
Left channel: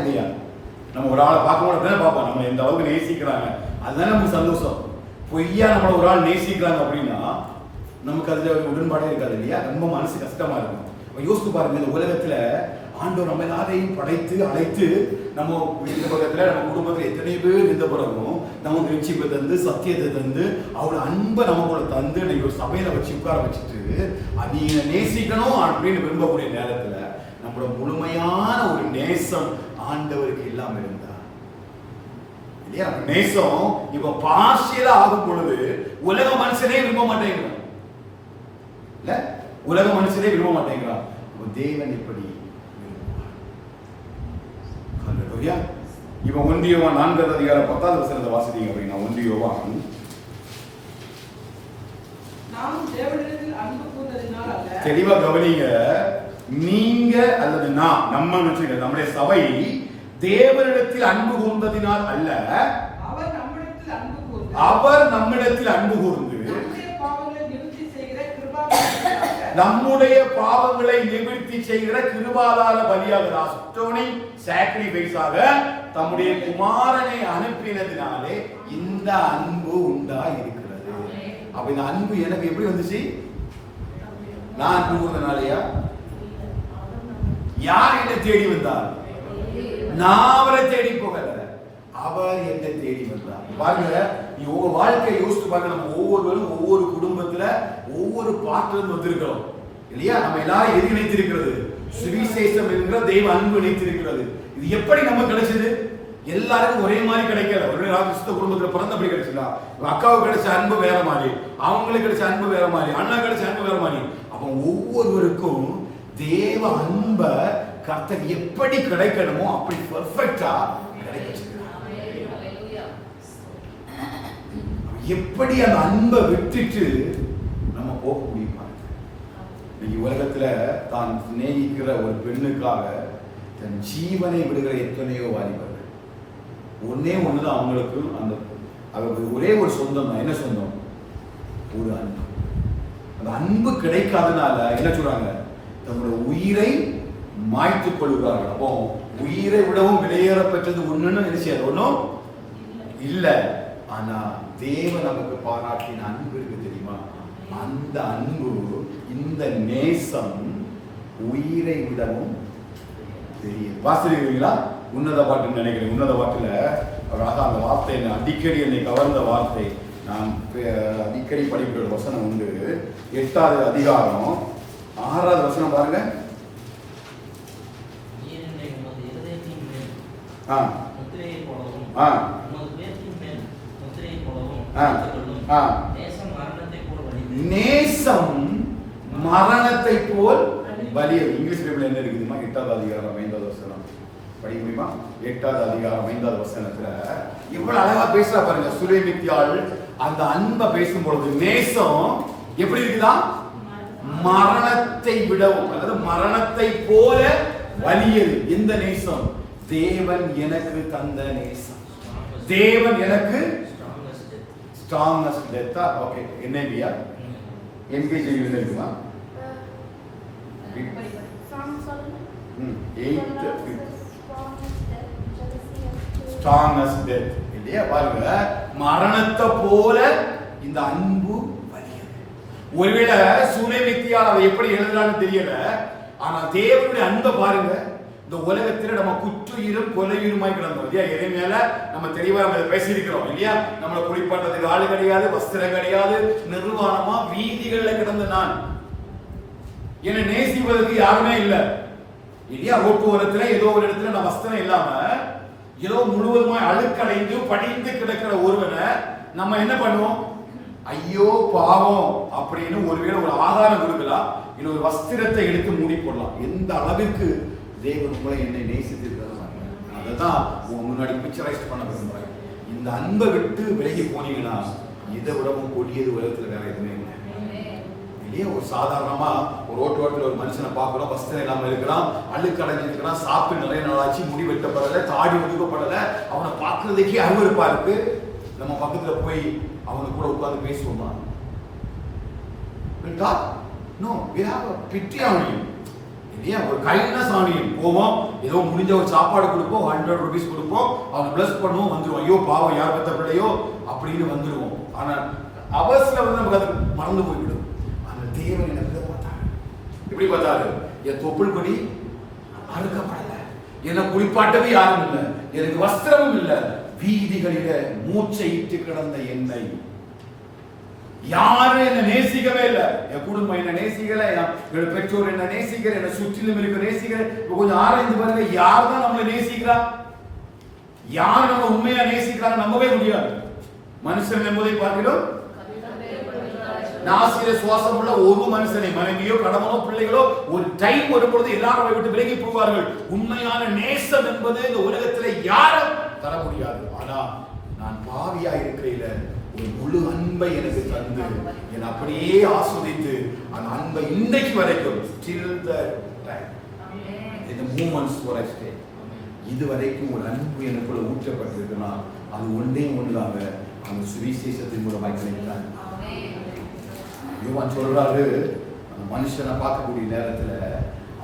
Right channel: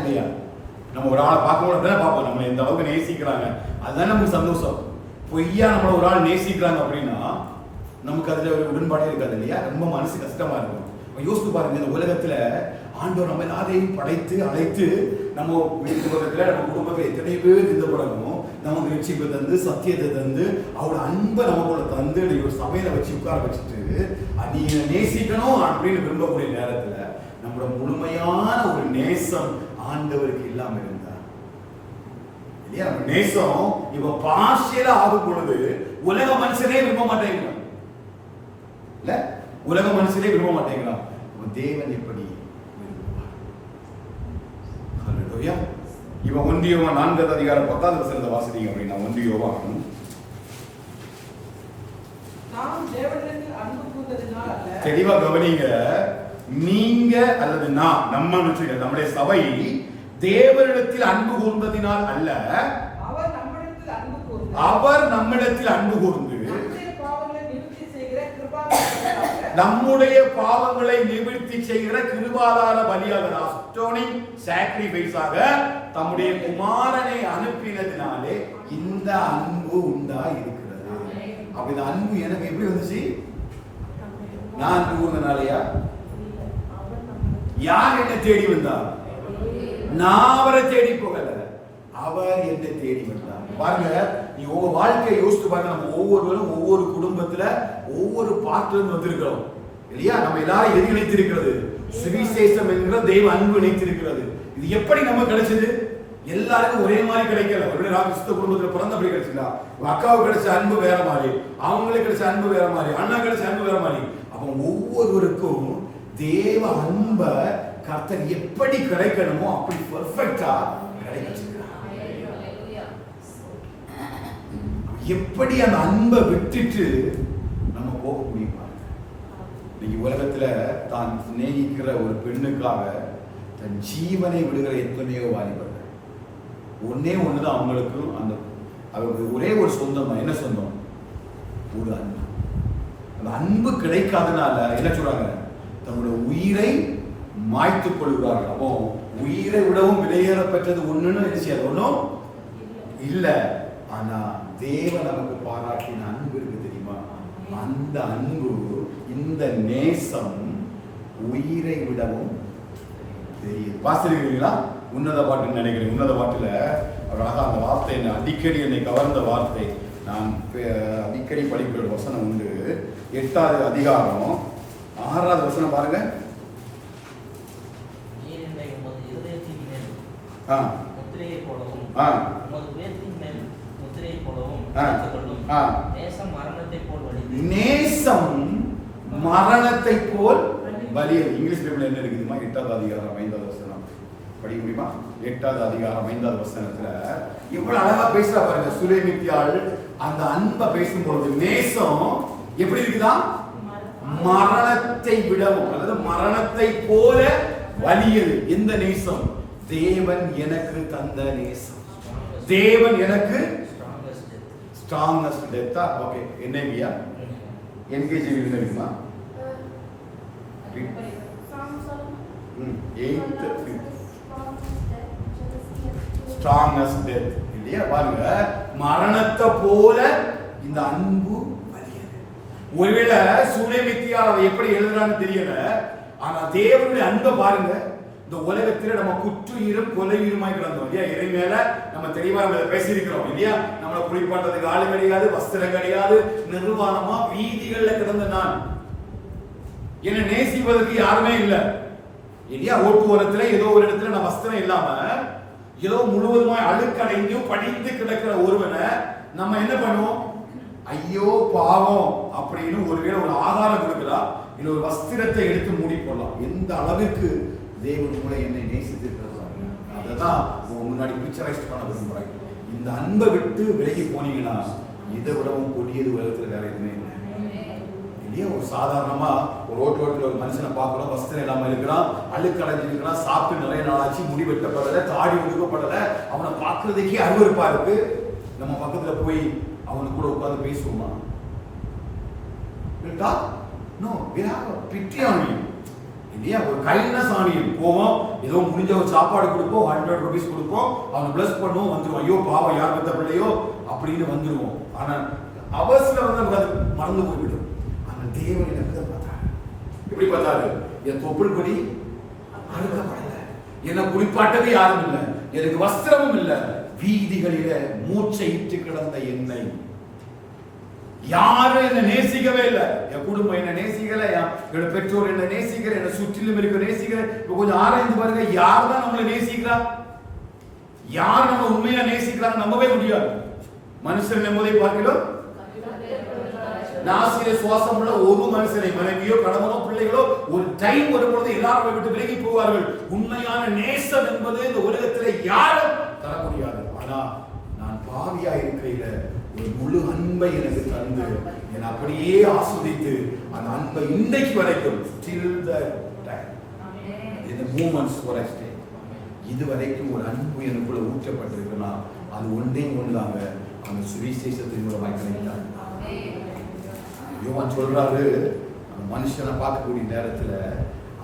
இல்லையா? நம்ம ஒரு ஆளை பார்க்கும்போது தானே பார்ப்போம் நம்ம எந்த அளவுக்கு நேசிக்கிறாங்க, அதுதான் நமக்கு சந்தோஷம். பொய்யா நம்மள ஒரு ஆள் நேசிக்கிறாங்க அப்படின்னா நமக்கு அதுல ஒரு உடன்பாடே இருக்காது இல்லையா? ரொம்ப மனசு கஷ்டமா இருக்கும். யோசித்து பாருங்க, இந்த உலகத்துல ஆண்டவர் நம்ம எல்லாரையும் படைத்து அழைத்து நம்ம வீட்டு பக்கத்துல நம்ம குடும்பத்துல எத்தனை பேர் இருந்த பிறகும் நமக்கு ரட்சிப்பை தந்து சத்தியத்தை தந்து அவரோட அன்பை நம்ம கூட தந்து ஒரு சபையில வச்சு உட்கார வச்சுட்டு நீ நேசிக்கணும் அப்படின்னு விரும்பக்கூடிய நேரத்துல நம்மளோட முழுமையான ஒரு நேசம் ஆண்டவருக்கு இல்லாம இருந்தா இல்லையா? நேசம் இப்ப பார்ஷியலா ஆகும் பொழுது உலக மனுஷனே விரும்ப மாட்டேங்கிறான் இல்ல, உலக மனுஷனே விரும்ப மாட்டேங்கிறான். தேவன் எப்படி விரும்புவார்? இப்ப 1 யோவான் 4வது அதிகாரம் 10வது வசனத்தை வாசித்தீங்க அப்படின்னா, 1 யோவான் தெளிவா கவனிங்க. நீங்க அல்லது நான், நம்முடைய சபை தேவனிடத்தில் அன்பு கூர்ந்ததினால் அல்ல, அவர் நம்மிடத்தில் அன்பு கூர்ந்து நம்முடைய பாவங்களை நிவர்த்தி செய்கிற கிருபாதார பலியாக சாக்ரிஃபைஸாக தம்முடைய குமாரனை அனுப்பினதினாலே இந்த அன்பு உண்டா இருக்கிறது. அப்ப இந்த அன்பு எனக்கு எப்படி வந்துச்சு? நான் அன்பு கூர்ந்தனாலயா? யார் என்னை தேடி வந்தார்? நான் அவரை தேடி போகல, அவர் என்னை தேடி வந்தார். பாருங்க, நீ உங்க வாழ்க்கையை யோசித்து பாருங்க. நம்ம ஒவ்வொருவரும் ஒவ்வொரு குடும்பத்துல ஒவ்வொரு பாட்டுல இருந்து வந்திருக்கிறோம் இல்லையா? நம்ம எல்லாரும் எது இணைத்திருக்கிறது? சுவிசேஷம் என்கிற தெய்வ அன்பு இணைத்திருக்கிறது. இது எப்படி நம்ம கிடைச்சது? எல்லாருக்கும் ஒரே மாதிரி கிடைக்கல. ஒரு கிறிஸ்தவ குடும்பத்துல பிறந்த அப்படி கிடைச்சதா? அக்காவுக்கு கிடைச்ச அன்பு வேற மாதிரி, அவங்களுக்கு கிடைச்ச அன்பு வேற மாதிரி, அண்ணன் கிடைச்ச அன்பு வேற மாதிரி. அப்ப ஒவ்வொருவருக்கும் தேவ அன்ப கர்த்தர் எப்படி கிடைக்கணுமோ அப்படி பெர்ஃபெக்ட்டா கிடைச்சிருக்கிறார். எப்படி அந்த அன்பை விட்டுட்டு நம்ம போக முடியும்? இன்னைக்கு உலகத்துல தான் சிநேகிக்கிற ஒரு பெண்ணுக்காக தன் ஜீவனை விடுகிற எத்தனையோ வாலிபர்கள். ஒன்னே ஒண்ணுதான் அவங்களுக்கு, அந்த ஒரே ஒரு சொந்தம் தான். என்ன சொந்தம்? ஒரு அன்பு. அந்த அன்பு கிடைக்காதனால என்ன சொல்றாங்க? தங்களுடைய உயிரை மாய்த்துக் கொள்கிறார்கள். அப்போ உயிரை விடவும் விலையேற பெற்றது ஒண்ணுன்னு நினைச்சாரு ஒன்றும் இல்ல. ஆனா தேவன் நமக்கு பாராட்டின அன்பு இருக்கு தெரியுமா? அந்த அன்பு, இந்த நேசம் உயிரை விடவும் தெரியுது. வாசிக்கிறீங்களா? உன்னத பாட்டுன்னு நினைக்கிறேன். உன்னத பாட்டுல அழகா அந்த வார்த்தை அடிக்கடி என்னை கவர்ந்த வார்த்தை, நான் அடிக்கடி படிக்கிற ஒரு வசனம் உண்டு. 8வது அதிகாரம் 6வது வசனம் பாருங்க. நேசம் மரணத்தை போல் வலியது. இங்கிலீஷ் பைபிள் என்ன இருக்குதுமா? 8வது அதிகாரம் 5வது வசனம் படிக்க முடியுமா? 8வது அதிகாரம் 5வது வசனத்துல இவ்வளவு அழகா பேசுறா பாருங்க. சுலேமித்தியாள் அந்த அன்பை பேசும்பொழுது நேசம் எப்படி இருக்குதா? மரணத்தை விடவும் அல்லது மரணத்தை போல வலியது. எந்த நேசம்? தேவன் எனக்கு தந்த நேசம். தேவன் எனக்கு ஸ்ட்ராங்கஸ்ட் டெத்தா. ஓகே, என்னவியா என்கேஜி இருக்குமா? 8th ஸ்ட்ராங்கஸ்ட் டெத் இல்லையா? பாருங்க, மரணத்தை போல இந்த அன்பு வலியது. ஒருவேளை சுலேமித்தியால் அதை எப்படி எழுதுறான்னு தெரியல. ஆனா தேவனுடைய அன்பை பாருங்க. இந்த உலகத்துல நம்ம குற்றுயிரும் கொலையுருமாய் கிடந்தோம் இல்லையா? இறை மேல நம்ம தெளிவா நம்ம பேசியிருக்கிறோம் இல்லையா? நம்மளை குளிப்பாட்டதுக்கு ஆளு கிடையாது, வஸ்திரம் கிடையாது, நிர்வாணமா வீதிகள்ல கிடந்த நான். என்னை நேசிப்பதற்கு யாருமே இல்லை இல்லையா? ஓட்டுவரத்துல ஏதோ ஒரு இடத்துல நான் வஸ்திரம் இல்லாம ஏதோ முழுவதுமாய் அழுக்கடைந்து படிந்து கிடக்கிற ஒருவனை நம்ம என்ன பண்ணுவோம்? ஐயோ பாவம் அப்படின்னு ஒருவேளை ஒரு ஆதாரம் கொடுக்கலாம், இல்ல ஒரு வஸ்திரத்தை எடுத்து மூடி போடலாம். எந்த அளவுக்கு தேவன் உங்களை என்னை நேசித்திருக்கிறது. அதைதான் உங்க முன்னாடி பிக்சரைஸ் பண்ண விரும்புறேன். இந்த அன்பை விட்டு விலகி போனீங்கன்னா இதை விடவும் கொடியது உலகத்துல வேற எதுவுமே இல்லை இல்லையா? ஒரு சாதாரணமா ஒரு ரோட்டில் ஒரு மனுஷனை பார்க்கிறோம், வஸ்திரம் இல்லாம இருக்கிறான், அழுக்கு அடைஞ்சிருக்கிறான், சாப்பிட்டு நிறைய நாளாச்சு, முடி வெட்டப்படலை, தாடி ஒதுக்கப்படலை, அவனை பார்க்கறதுக்கே அருவருப்பா இருக்கு. நம்ம பக்கத்துல போய் அவனுக்கு கூட உட்கார்ந்து பேசுவோமா? இல்லையா? ஒரு கைண்ட்னஸ் ஆனியும் போவோம், ஏதோ முடிஞ்ச ஒரு சாப்பாடு கொடுப்போம், 100 rupees கொடுப்போம், அவனை பிளஸ் பண்ணுவோம், வந்துருவோம். ஐயோ பாவம், யார் பெத்த பிள்ளையோ அப்படின்னு வந்துருவோம். ஆனா அவர்ஸ்ல நமக்கு அது மறந்து போய்விடும். அந்த தேவன் எனக்கு பார்த்தாரு. எப்படி பார்த்தாரு? என் தொப்புள் கொடி அழுக்கப்படல, என்னை குளிப்பாட்டவே யாரும் இல்லை, எனக்கு வஸ்திரமும் இல்லை, வீதிகளில மூச்சை இட்டு கிடந்த என்னை யாரும் என்ன நேசிக்கவே இல்லை. என் குடும்பம் என்ன நேசிக்கல, என்னோட பெற்றோர் என்ன நேசிக்கிற, என்ன சுற்றிலும் இருக்க நேசிக்கிற. இப்ப கொஞ்சம் ஆராய்ந்து பாருங்க, யார் தான் நம்மளை நேசிக்கிறா? யார் நம்ம உண்மையா நேசிக்கிறாங்க நம்பவே முடியாது. மனுஷன் என்பதை பார்க்கிறோம், நாசியில சுவாசம் உள்ள ஒரு மனுஷனை, மனைவியோ கணவனோ பிள்ளைகளோ, ஒரு டைம் வரும்பொழுது எல்லாரும் விட்டு விலகி போவார்கள். உண்மையான நேசம் என்பது இந்த உலகத்தில் யாரும் தர முடியாது. ஆனா நான் பாவியா இருக்கிற ஒரு முழு அன்பை எனக்கு தந்து என்னை அப்படியே ஆஸ்வதித்து அந்த அன்பை இன்றைக்கு வரைக்கும் till the time in the moments where I stay, இது வரைக்கும் ஒரு அன்பு எனக்குள்ள ஊற்றப்பட்டிருக்குன்னா அது ஒன்றே ஒண்ணுதாங்க, அந்த சுவிசேஷத்தின் மூலமாய் கிடைத்தார். யோவான் சொல்றாரு, அந்த மனுஷனை பார்க்கக்கூடிய நேரத்துல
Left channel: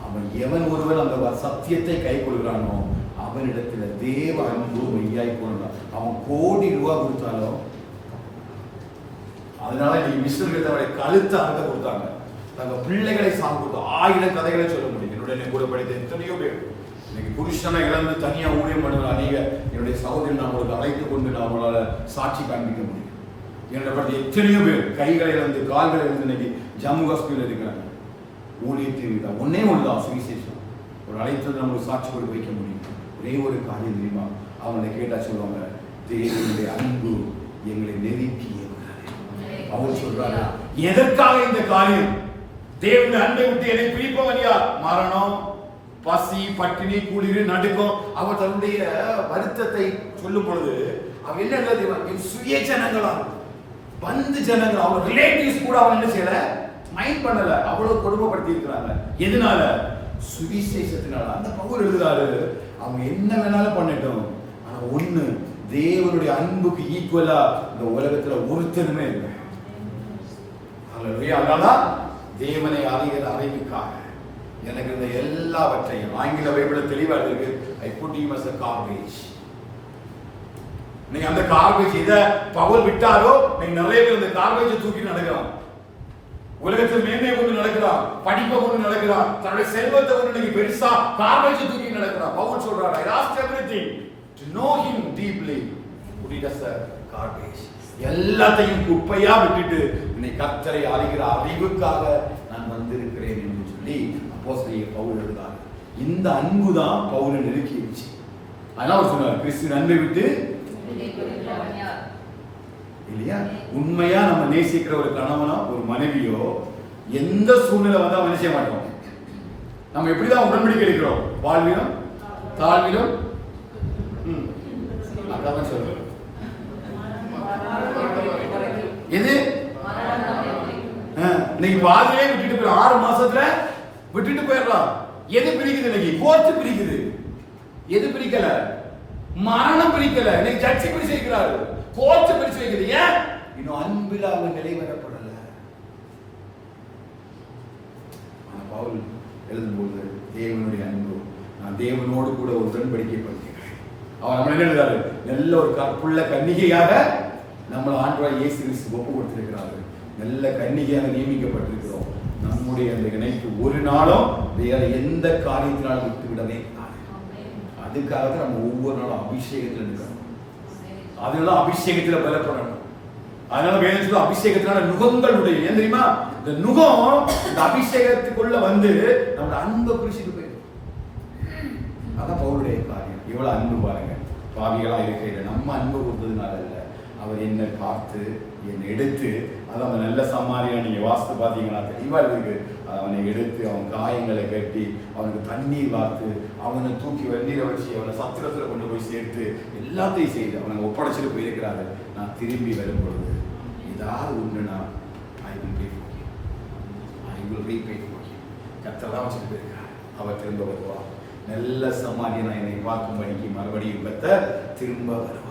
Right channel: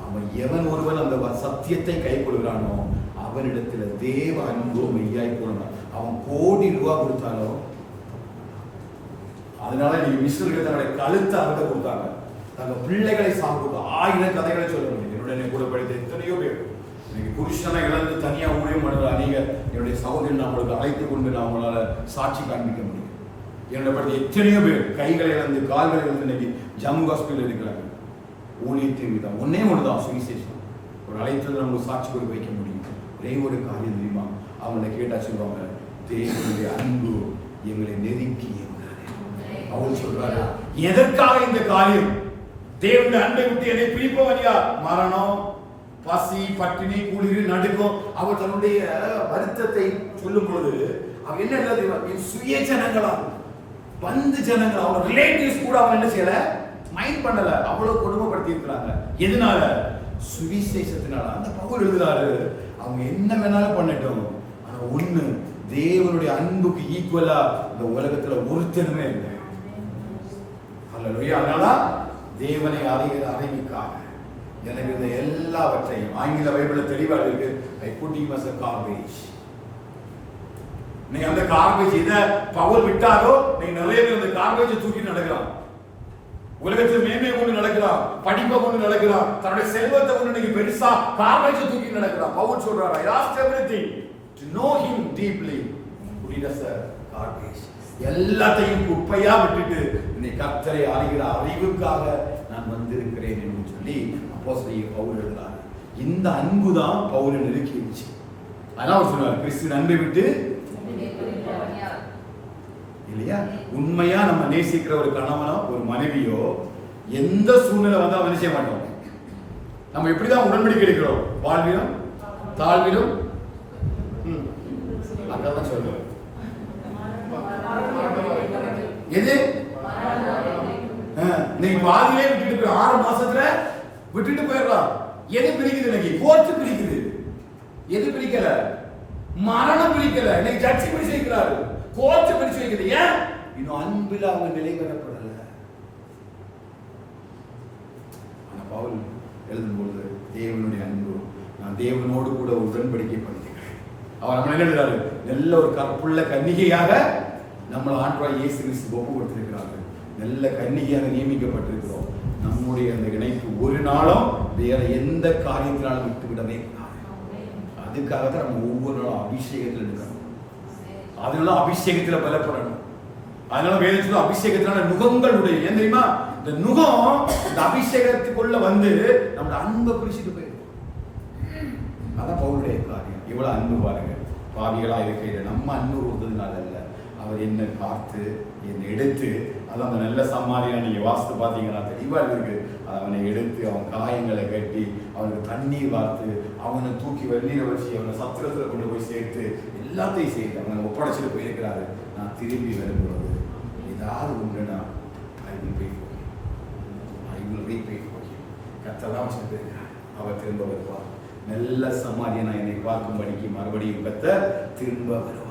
அவன் எவன் ஒருவன் அந்த சத்தியத்தை கை கொள்கிறானோ அவனிடத்துல தேவ அன்பு மெய்யாய் போனான். அவன் கோடி ரூபாய் கொடுத்தாலும், அதனால நீங்க மிஸ்டர்கள் தன்னுடைய கழுத்தை அறுக்க கொடுத்தாங்க, தங்க பிள்ளைகளை சாப்பிட்டு கொடுத்தாங்க. 1000 கதைகளை சொல்ல முடியும். என்னுடைய கூட படித்த எத்தனையோ பேர் இன்னைக்கு புருஷனை இழந்து தனியா ஊழியம் பண்ணுற அநேக என்னுடைய சகோதரன் நான் உங்களுக்கு அழைத்து கொண்டு நான் உங்களால சாட்சி காண்பிக்க முடியும். என்னோட படித்த எத்தனையோ பேர் கைகளை இழந்து கால்களை இழந்து இன்னைக்கு ஜம்மு காஷ்மீர்ல இருக்கிறாங்க. ஊழியத்தின் தான் ஒன்னே ஒண்ணுதான் சுவிசேஷம். ஒரு அழைத்தது நம்மளுக்கு சாட்சி கொடுக்க வைக்க முடியும். ஒரே ஒரு காரியம் தெரியுமா? அவங்களை கேட்டா சொல்லுவாங்க, தேவனுடைய அன்பு எங்களை நெருக்கி. அவர் சொல்றாரு, எதற்காக இந்த காரியம்? தேவனுடைய அன்பை விட்டு என்னை பிரிப்பவன் யார்? மரணம், பசி, பட்டினி, குளிர், நடுக்கம். அவர் தன்னுடைய வருத்தத்தை சொல்லும் பொழுது அவர் என்ன தெரியுமா? என் சுய ஜனங்களால் பந்து ஜனங்கள், அவங்க ரிலேட்டிவ்ஸ் கூட அவன் என்ன செய்யல, மைண்ட் பண்ணல, அவ்வளவு கொடுமைப்படுத்தி இருக்கிறாங்க. எதனால? சுவிசேஷத்தினால. அந்த பவுல் எழுதுறாரு, அவங்க என்ன வேணாலும் பண்ணட்டும், ஆனா ஒண்ணு, தேவனுடைய அன்புக்கு ஈக்குவலா இந்த உலகத்துல ஒருத்தனுமே இல்லை. அதனால தேவனை அறிவிக்காக எனக்கு இந்த எல்லாவற்றையும், ஆங்கில பைபிள்ல தெளிவா இருக்கு, I put him as a garbage. நீ அந்த கார்பேஜ் இத பவுல் விட்டாரோ, நீ நிறைய பேர் அந்த கார்பேஜை தூக்கி நடக்கிறான். உலகத்தில் மேன்மையை கொண்டு நடக்கிறான், படிப்பை கொண்டு நடக்கிறான், தன்னுடைய செல்வத்தை கொண்டு நீங்க பெருசா கார்பேஜை தூக்கி நடக்கிறான். பவுல் சொல்றாரு, I lost everything to know him deeply எல்லாத்தையும் குப்பையா விட்டுட்டு என்னை கர்த்தரை அறிகிற அறிவுக்காக நான் வந்திருக்கிறேன் என்று சொல்லி அப்போஸ்தலன் பவுல் எழுதுறார். இந்த அன்பு தான் பவுலை நெருக்கிடுச்சு. அதான் அவர் சொன்னார், கிறிஸ்து அன்பை விட்டு இல்லையா? உண்மையா நம்ம நேசிக்கிற ஒரு கணவனோ ஒரு மனைவியோ எந்த சூழ்நிலை வந்து அவன் செய்ய மாட்டோம். நம்ம எப்படிதான் உடன்படிக்கை எடுக்கிறோம், வாழ்விலும் தாழ்விலும். அதான் சொல்றேன், எது இன்னைக்கு பாதியிலே விட்டுட்டு 6 மாசத்துல விட்டுட்டு போயிடலாம். எது பிரிக்குது? இன்னைக்கு கோர்ட்டு பிரிக்குது. எது பிரிக்கல? மரணம் பிரிக்கல. இன்னைக்கு ஜட்ஜி பிரிச்சு வைக்கிறாரு, கோர்ட்டு பிரிச்சு வைக்குது. ஏன்? இன்னும் அன்பில் அவங்க நிலைவரப்படல. ஆனா பவுல் எழுதும்போது தேவனுடைய அன்பு, நான் தேவனோடு கூட ஒரு உடன்படிக்கை பண்ணிக்கிறேன். அவர் நம்ம என்ன எழுதுறாரு? நல்ல ஒரு கற்புள்ள கன்னிகையாக நம்மளை ஆண்டவராகிய இயேசு கிறிஸ்து ஒப்பு கொடுத்திருக்கிறாரு. நல்ல கன்னிகையாக நியமிக்கப்பட்டிருக்கிறோம். நம்முடைய அந்த இணைப்பு ஒரு நாளும் வேற எந்த காரியத்தினாலும் விட்டு விடவே கூடாது. அதுக்காக தான் நம்ம ஒவ்வொரு நாளும் அபிஷேகத்தில் இருக்கணும். அதனால அபிஷேகத்தில் பலப்படணும். அதனால வேதத்துல அபிஷேகத்தினால நுகங்கள் உடைய. ஏன் தெரியுமா? இந்த நுகம் இந்த அபிஷேகத்துக்குள்ள வந்து நம்ம அன்பை பிரிச்சுட்டு போயிடும். அதான் பவுலுடைய காரியம். இவ்வளவு அன்பு பாருங்க. பாவிகளா இருக்கையில நம்ம அன்பு கொடுத்ததுனால அல்ல, அவர் என்னை பார்த்து என்னை எடுத்து, அது அந்த நல்ல சமாரியா நீங்க வாஸ்து பார்த்தீங்கன்னா தெளிவா இருக்கு. அது அவனை எடுத்து அவன் காயங்களை கட்டி அவனுக்கு தண்ணீர் வார்த்து அவனை தூக்கி வெந்நீரை வச்சு அவனை சத்திரத்துல கொண்டு போய் சேர்த்து எல்லாத்தையும் செய்து அவனை ஒப்படைச்சிட்டு போயிருக்கிறாரு. நான் திரும்பி வரும்பொழுது ஏதாவது உண்டுனா ஐ வில் ரீபே கத்தெல்லாம் வச்சுட்டு போயிருக்கிறார். அவர் திரும்ப வருவார். நல்ல சமாரியனா என்னை பார்க்கும்படிக்கு மறுபடியும் கர்த்தர் திரும்ப வருவார்.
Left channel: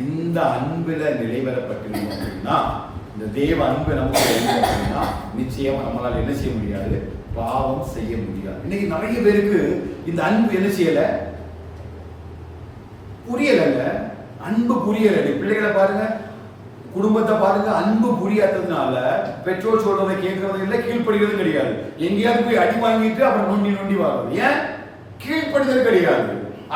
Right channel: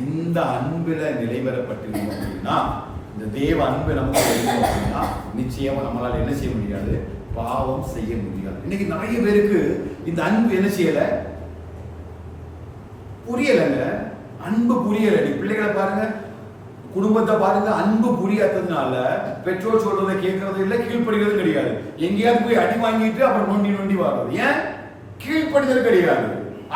இந்த அன்புல நிலைவரப்பட்டிருந்தோம் அப்படின்னா, இந்த தேவ அன்பு நமக்கு இருந்தோம் அப்படின்னா நிச்சயமா நம்மளால என்ன செய்ய முடியாது? பாவம் செய்ய முடியாது. இன்னைக்கு நிறைய பேருக்கு இந்த அன்பு என்ன செய்யல, புரியலைங்க. அன்பு புரியல. பிள்ளைகளை பாருங்க, குடும்பத்தை பாருங்க, அன்பு புரியாததுனால பெற்றோர் சொல்றதை கேட்கறது இல்லை, கீழ்ப்படுகிறது கிடையாது. எங்கேயாவது போய் அடி வாங்கிட்டு அப்புறம் நொண்டி நொண்டி வர்றது. ஏன்? கீழ்ப்படுதல் கிடையாது,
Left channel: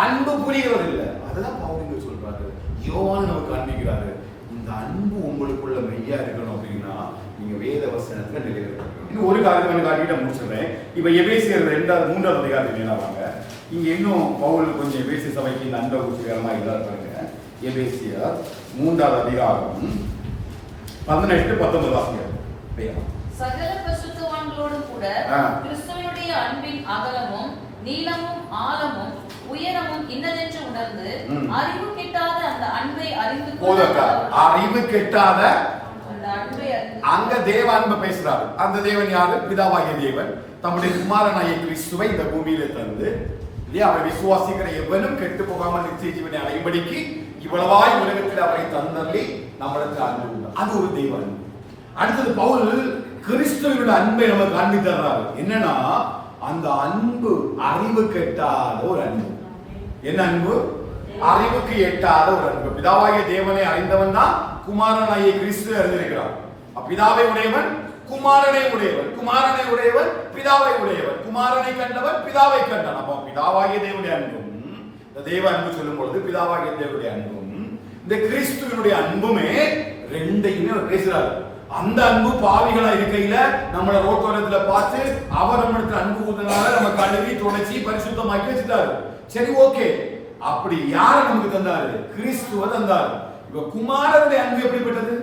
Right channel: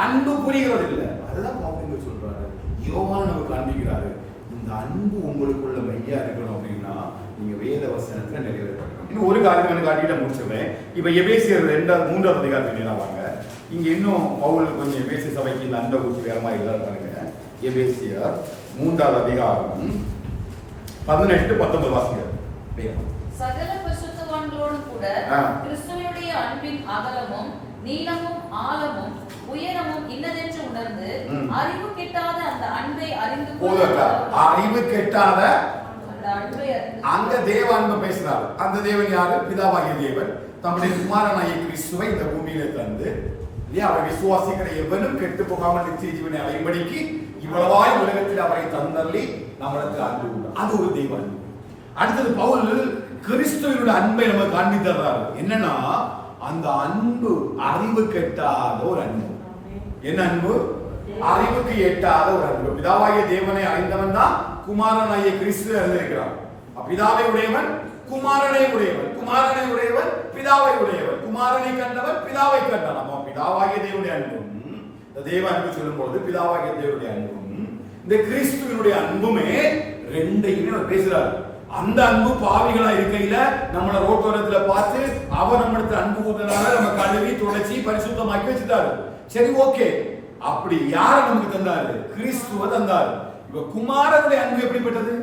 அன்பு புரிகிறது இல்லை. அதுதான் பவுல் சொல்றாரு, யோவான் நமக்கு காண்பிக்கிறாரு. இந்த அன்பு உங்களுக்குள்ள மெய்யா இருக்கணும் அப்படின்னா நீங்க வேத வசனத்துல நிறைவேற்றணும். இன்னும் ஒரு காரியத்தை காட்டிட்டு முடிச்சிடுறேன். இப்ப எபேசியர் 2-3 அதிகாரத்துக்கு வாங்க. இங்க இன்னும் பவுல் கொஞ்சம் எபேசிய சபைக்கு இந்த அன்பை குறித்து வேறமா எழுதாரு பாருங்க. எபேசியர் 3 அதிகாரம் 18-19 வாசிக்கிறோம். சகல பரிசுத்தவான்களோடு கூட கிறிஸ்துவினுடைய அன்பின் அகலமும் நீளமும் ஆழமும் உயரமும் இன்னதென்று உணர்ந்து அறிவு கெட்டாத அந்த அன்பை அறிந்து அறிவு கெட்டாத அங்க தேவ அன்பை பேசுறாரு. அந்த தேவன் யாரு? பிதாவாகிய தேவன் தம்முடைய குமாரனாகிய கிறிஸ்துவை இந்த பூமியில தந்து அவரை விசுவாசிக்கிற எவனும் கெட்டு போகாமல் நித்திய ஜீவனை அடையும்படிக்கு இவ்வளவாய் உலகத்தில் அவரை தந்தள்ளி நம்மளுக்கு அன்பு உண்டு. அது ஒரு தெய்வ அன்பு. அடுத்தது பவுல் கிறிஸ்துவனுடைய அன்பை நம்ம காண்பித்தார். என்னன்னா அந்த அன்பு அறிவு கெட்டாத ஒரு அன்பு. என்ன அன்பு? அறிவுக்கு எட்டாத ஒரு அன்பு. பிதாவாகிய தேவனை அறிந்தவன் தான் குமாரனாகிய கிறிஸ்து அறிந்திருக்கிறான். பிதாவை உடையவன் குமாரனை உடையவன், குமாரனை உடையவன் பிதாவை உடையவன், குமாரனை கண்டவன் பிதாவை கண்டான். நம்ம பிதாவாகிய தேவனுடைய அன்பும் இந்த தேவ அன்பு சொல்லும் பொழுது பிதாவாகிய தேவனுடைய அன்பும் இந்த கிறிஸ்துவனுடைய அன்புமே ரெண்டையுமே அவர் பேசுறாரு. அந்த அன்பு பாவிகளா இருக்கையில நம்மள ரோட்டோரத்துல பார்த்து அவர் நம்மளுக்கு அன்பு கூட்டினால நம்ம கழுவி தொடச்சி பரிசுத்தமாக்கி வச்சுட்டாரு. சரி, ஓகே. அப்படி யார நமக்கு தந்தாரு? கிறிஸ்துவ தந்தாரு. இப்ப குமாரனுடைய அன்பு எப்படிப்பட்டது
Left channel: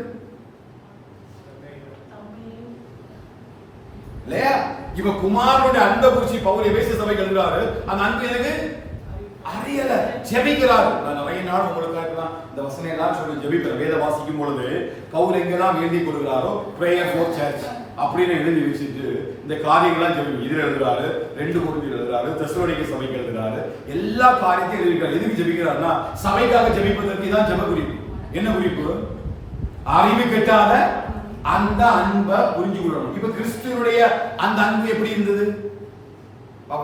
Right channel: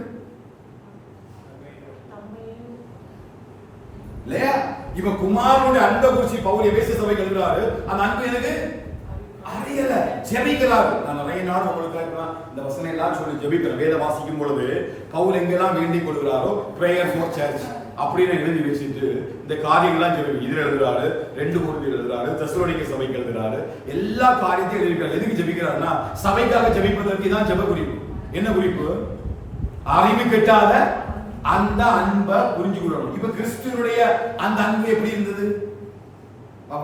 இல்லையா? இப்ப குமாரனுடைய அன்பை குறிச்சு பவுல் எபேசிய சபைக்கு எழுதுறாரு. அந்த அன்பு எனக்கு அறியல, ஜெபிக்கிறாரு. நான் நிறைய நாள் உங்களுக்கு இந்த வசனம் எல்லாம் சொல்லி ஜெபிக்கிறேன். வேத வாசிக்கும் பொழுது பவுல் எங்கெல்லாம் வேண்டிக் கொள்கிறாரோ பிரேயர் ஃபார் சர்ச் அப்படின்னு எழுதி வச்சுட்டு இந்த காரியங்கள்லாம் ஜெபி இதுல எழுதுறாரு. 2 Corinthians எழுதுறாரு, தெசலோனிக்கே சபைக்கு எழுதுறாரு. எல்லா காரியத்தையும் எழுதிக்கிறார். எதுக்கு ஜெபிக்கிறாருன்னா சபைக்காக ஜெபிப்பதற்கு தான் ஜெப குறிப்பு. என்ன குறிப்பு? அறிவு கெட்டாத அந்த அன்பை புரிஞ்சு கொள்ளணும். இப்ப கிறிஸ்துவனுடைய அந்த அன்பு எப்படி இருந்தது?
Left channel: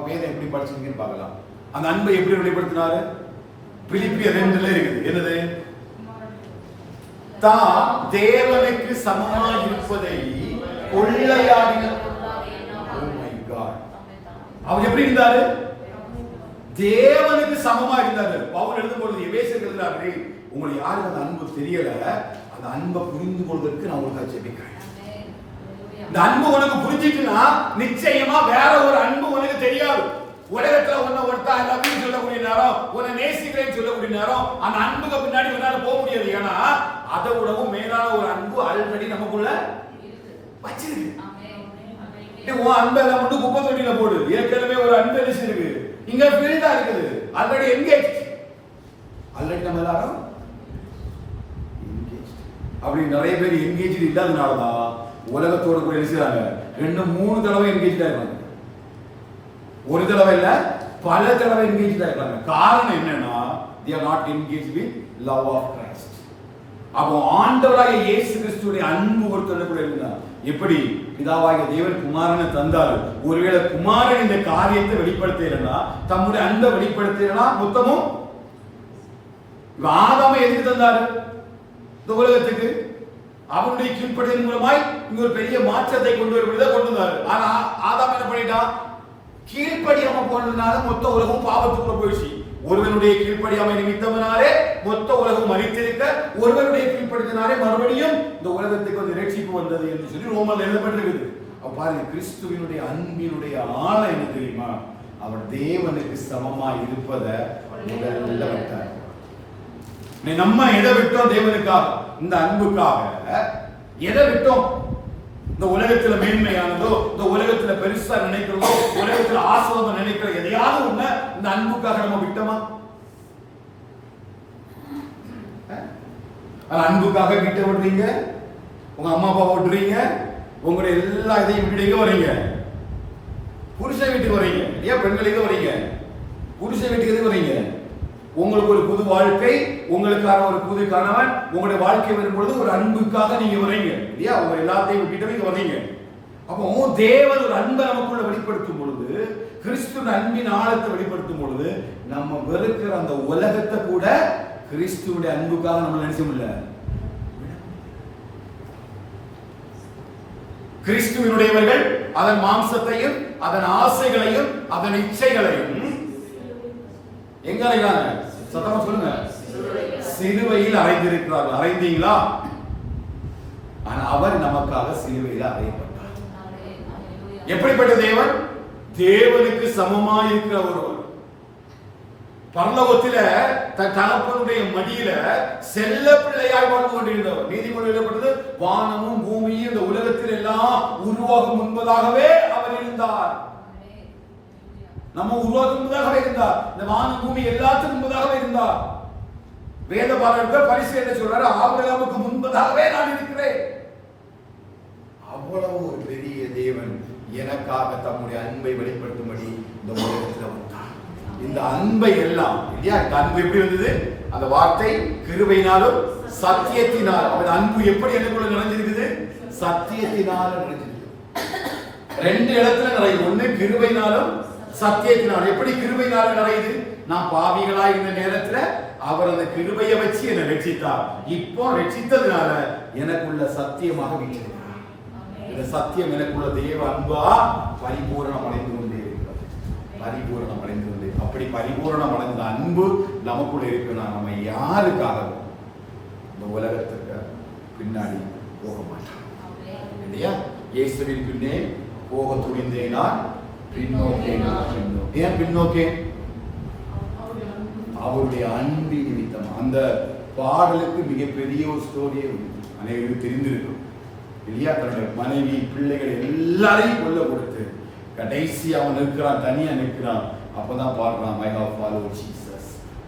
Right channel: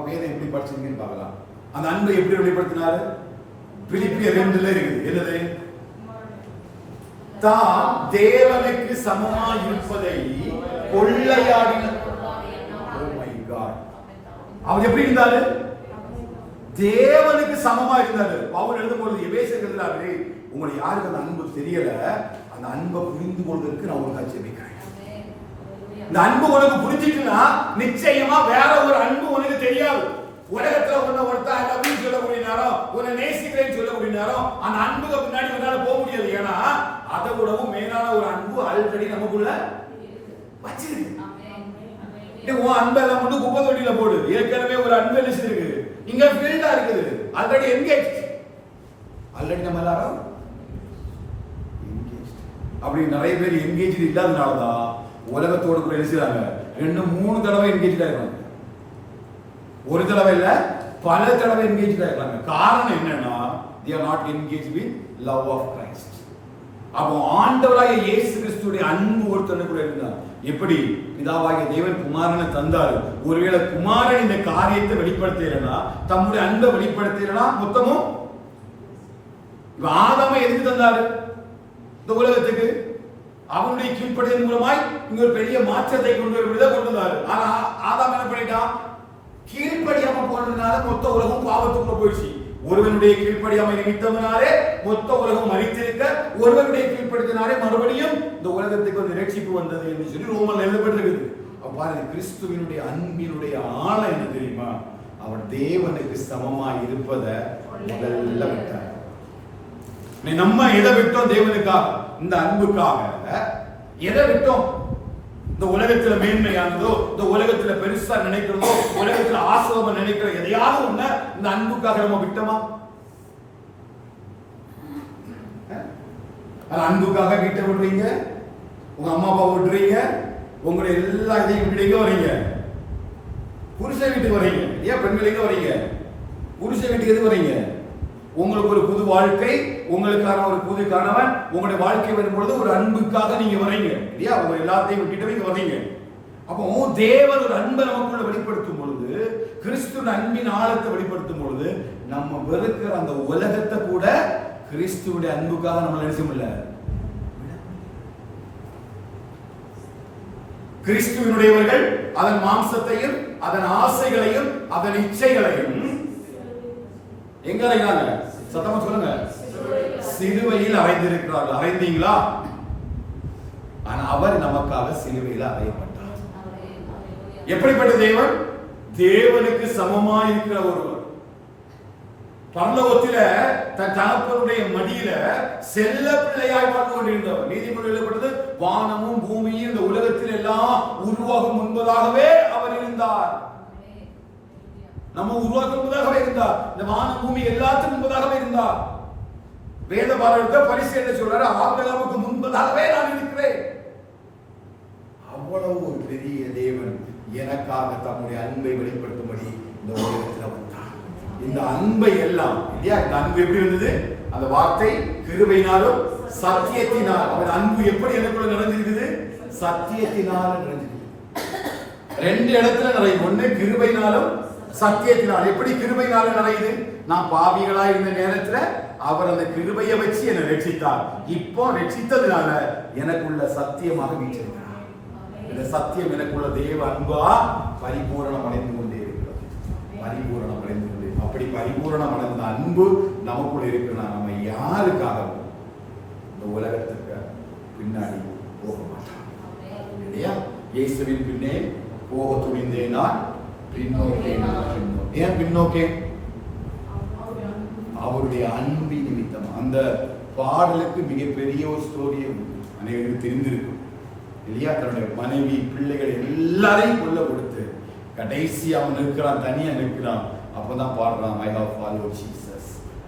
வேதம் எப்படி படிச்சிருந்தீங்கன்னு பார்க்கலாம். அந்த அன்பை எப்படி வெளிப்படுத்தினாரு? பிலிப்பியர் 2 இருக்குது. என்னது? தாம் தேவனுக்கு சமமாய் இருப்பதை கொள்ளையாடின. Oh my God. அவர் எப்படி இருந்தாரு? தேவனுக்கு சமமா இருந்தாரு. பவுல் எழுதும் பொழுது எபேசியர் எழுதுறாரு, உங்களுக்கு யாருக்கு அந்த அன்பு தெரியல, அந்த அன்பை புரிந்து கொள்வதற்கு நான் உங்களுக்கு ஜெபிக்கிறேன். இந்த அன்பு உனக்கு புரிஞ்சிட்டுனா நிச்சயமா வேற ஒரு அன்பு உனக்கு தெரியாது. உலகத்துல ஒன்ன ஒருத்தா லவ்னு சொல்லக்கூடிய நேரம், உன்னை நேசிக்கிறேன்னு சொல்லக்கூடிய நேரம், அந்த அன்புக்கு பின்னாடி உன்னால போக முடியாது. ஏன்னா அதை விடவும் மேலான ஒரு அன்பு ஆல்ரெடி நமக்குள்ள வச்சிருக்கு. உன் அன்பெல்லாம் மட்டும் குப்பை தொட்டியில போடு. ஏற்கனவே ஒரு அன்பு இருக்கு, இங்க ஃபீல்டா இருக்குது, ஆல்ரெடி என்கேஜ். ஆல்ரெடி நம்ம எல்லாரும் என்கேஜ். அப்படி நிறைய பேர் என்கேஜ் இல்லாதனாலதான் உலகத்தோடு கூட எழுதுறாங்க 2-3 தடவை என்கேஜ் ஆயிருக்காங்க. ஒரு தடவை இல்ல, பல தடவை என்கேஜ் ஆயிருக்காங்க. காரணம் என்னன்னா, they are not engaged with love of Christ. அப்போ ஆண்டவராகிய இயேசு கிறிஸ்துவின் அன்பு ஒருத்தருக்குள்ள இருந்தா எப்படி பிதாவாகிய தேவன் குமாரனை தந்தாரு. ஒருவேளை குமாரன் இந்த காரியத்தை வெளிப்படுத்தலைன்னா, தம்முடைய அன்பை வெளிப்படுத்தலைன்னா, மொத்தமும் ஆதாமை எதுக்கு தந்தாரு இந்த உலகத்துக்கு? அவனுடைய கீழ்ப்படிதல் மூலமாய் இங்க ஒரு பெரிய மாற்றத்தை கொண்டு வந்தாரு. ஆனா ஆதாம் என்ன பண்ணிட்டான்? கீழ்ப்படியாம போனதுனால மொத்த உலகம் பாவத்துக்குள்ள போயிடுச்சு. ஒருவனுடைய கீழ்ப்படியாமை நிமித்தத்தினாலே மொத்த உலகம் மரித்திருக்க, ஒருவனுடைய கீழ்ப்படினாலே மறுபடியும் இந்த உலகத்துக்கு வந்து ரட்சிப்பு வந்தது என்று சொல்லி ரோமன்ல எழுதப்பட்டிருக்குது. அப்ப பாருங்க, கிறிஸ்துவினுடைய அன்பினுடைய ஆழம் என்ன தெரியுமா? அவர் தேவனுக்கு சமமா இருப்பதை முதல்ல விட்டார். நம்ம எதை விட்டோம்? தேவனுக்காக, இந்த அன்புக்காக எதை விட்டோம்? இந்த உலகத்துல மேன்மையானதோ, இந்த உலகத்துல பெருசா நினைக்கிறதோ, உலகத்துல ஆசீர்வாதம் நினைக்கிற எதையாவது ஒண்ண இந்த அன்புக்காக நம்ம விட்டோமா? அன்புக்காக வீட்டை விடுறீங்க, உங்க அம்மா அப்பா விட்டுறீங்க, உங்களுடைய எல்லா இதையும் விட்டுட்டு வரீங்க, புருஷன் வீட்டுக்கு வரீங்க. ஏன் பெண்கள் எங்க வரீங்க? புருஷன் வீட்டுக்கு எது வரீங்க? உங்களுக்கு ஒரு புது வாழ்க்கை, உங்களுக்கான ஒரு புது கணவன், உங்களுடைய வாழ்க்கை வரும்பொழுது ஒரு அன்புக்காக நீங்க வரீங்க இல்லையா? உங்க எல்லாத்தையும் விட்டுட்டு இங்க வரீங்க. அப்போ தேவன் ஒரு அன்பை நமக்குள்ள வெளிப்படுத்தும் பொழுது, கிறிஸ்துவின் அன்பின் ஆழத்தை வெளிப்படுத்தும் பொழுது, நம்ம வெறுக்கிற அந்த உலகத்தை கூட கிறிஸ்துவுடைய அன்புக்காக நம்ம நினைச்ச முடியல. கிறிஸ்துவினுடையவர்கள் அதன் மாம்சத்தையும் அதன் ஆசைகளையும் அதன் இச்சைகளையும் எங்க அறைகிறாங்க? சத்தமா சொல்லுங்க. சிலுவையில் அறைந்திருக்கிறார்கள். அறைந்தீங்களா? ஆனா அவர் நமக்காக சிலுவையில் அறையப்பட்டார். எப்படிப்பட்ட தேவன்? தேவனுக்கு சமமா இருக்கிற ஒருவர். பரலோகத்தில தன் தகப்பனுடைய மடியில செல்ல பிள்ளையாய் வாழ்ந்து கொண்டிருந்தவர். நீதிமொழி எழுதப்பட்டது, வானமும் பூமியும் இந்த உலகத்தில் எல்லாம் உருவாகும் முன்பதாகவே அவர் இருந்தார். நம்ம உருவாக்கும் முன்பதாகவே இருந்தார். இந்த வானம் பூமி எல்லாத்துக்கும் முன்பதாகவே இருந்தார். வேத பாரகர்கள் பரிசேயனை சொல்றாரு, ஆபிரகாமுக்கு முன்பதாகவே நான் இருக்கிறேன். அவ்வளவு ஒரு பெரிய தேவன் எனக்காக தம்முடைய அன்பை வெளிப்படுத்தும்படி இந்த உலகத்தில் வந்தார். இந்த அன்பை எல்லாம் இல்லையா? இந்த அன்பு எப்படி வந்தது? அந்த வார்த்தை கிருபையினாலும் சத்தியத்தினாலும். அந்த அன்பு எப்படி எனக்குள்ள நிறைஞ்சிருக்குது? சத்தியத்தினால நிறைஞ்சிருக்கு. 2 இடத்துல நிறையுது. ஒண்ணு கிருபையினாலும் சத்தியத்தினால். எப்படி கிருபையினால நிறையுது? நான் பாவிகளா இருந்த நேரத்துல அவர் அந்த கிருபையை வச்சு என்னை ரட்சித்தார். இப்போ ரட்சித்ததுனால எனக்குள்ள சத்தியமாக வீற்றிருக்கிறார். இந்த சத்தியம் எனக்குள்ள தேவ அன்பா பரிபூரணம் அடைந்து கொண்டே இருக்கிறது. பரிபூரணம் அடைந்து கொண்டே. அப்படி பரிபூரணம் அடைந்த அன்பு நமக்குள்ள இருக்குன்னா, நம்ம யாருக்காகவும் இந்த உலகத்திற்கு பின்னாடி போக மாட்டோம் இல்லையா? இயேசுவின் பின்னே போக துணிந்தேனா பின்னோக்கே. ஏன் பின்னோக்கே? அவருடைய அன்பின் நிமித்தம். அந்த பாடலுக்கு மிகப்பெரிய ஒரு ஸ்டோரியை அனைவருக்கும் தெரிந்திருக்கும் இல்லையா? தன்னுடைய மனைவி பிள்ளைகள் எல்லாரையும் கொல்ல கொடுத்து கடைசி அவன் நிற்கிறான், தனியா நிற்கிறான். அப்பதான் பாடுறான், I have followed Jesus,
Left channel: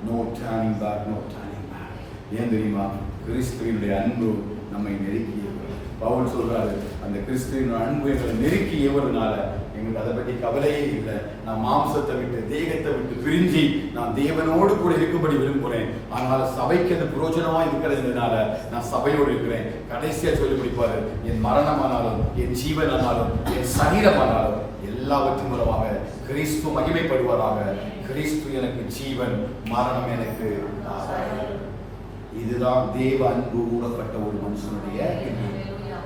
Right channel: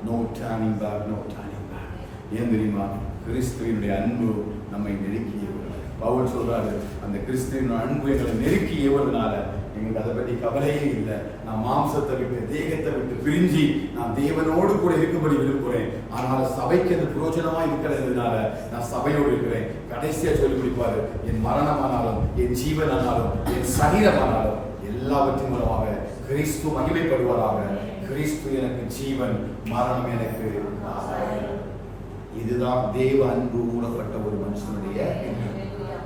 no turning back, no turning back. ஏன் தெரியுமா? கிறிஸ்துவினுடைய அன்பு நம்மை நெருக்கியவர். பவுல் சொல்றாரு, அந்த கிறிஸ்துவின் அன்பு எங்களை நெருக்கியவர்னால எங்களுக்கு அதை பற்றி கவலையே இல்லை. நான் மாம்சத்தை விட்டு தேகத்தை விட்டு பிரிஞ்சு நான் தேவனோடு கூட இருக்கும்படி விரும்புகிறேன். ஆனால் சபைக்கு அது புரோஜனமா இருக்கிறதுனால நான் சபையோடு இருக்கிறேன். கடைசியா சொல்லி முடிப்பாரு, என் மரணமானாலும் என் ஜீவனானாலும் என் சரீரமானாலும் எல்லாவற்றின் மூலமாக கிறிஸ்து மகிமைப்படுவதாக. கிறிஸ்து எனக்கு ஜீவன், மரணம் எனக்கு. இதுதான் தேவ அன்பு ஊறப்பட்ட ஒரு மனுஷனுடைய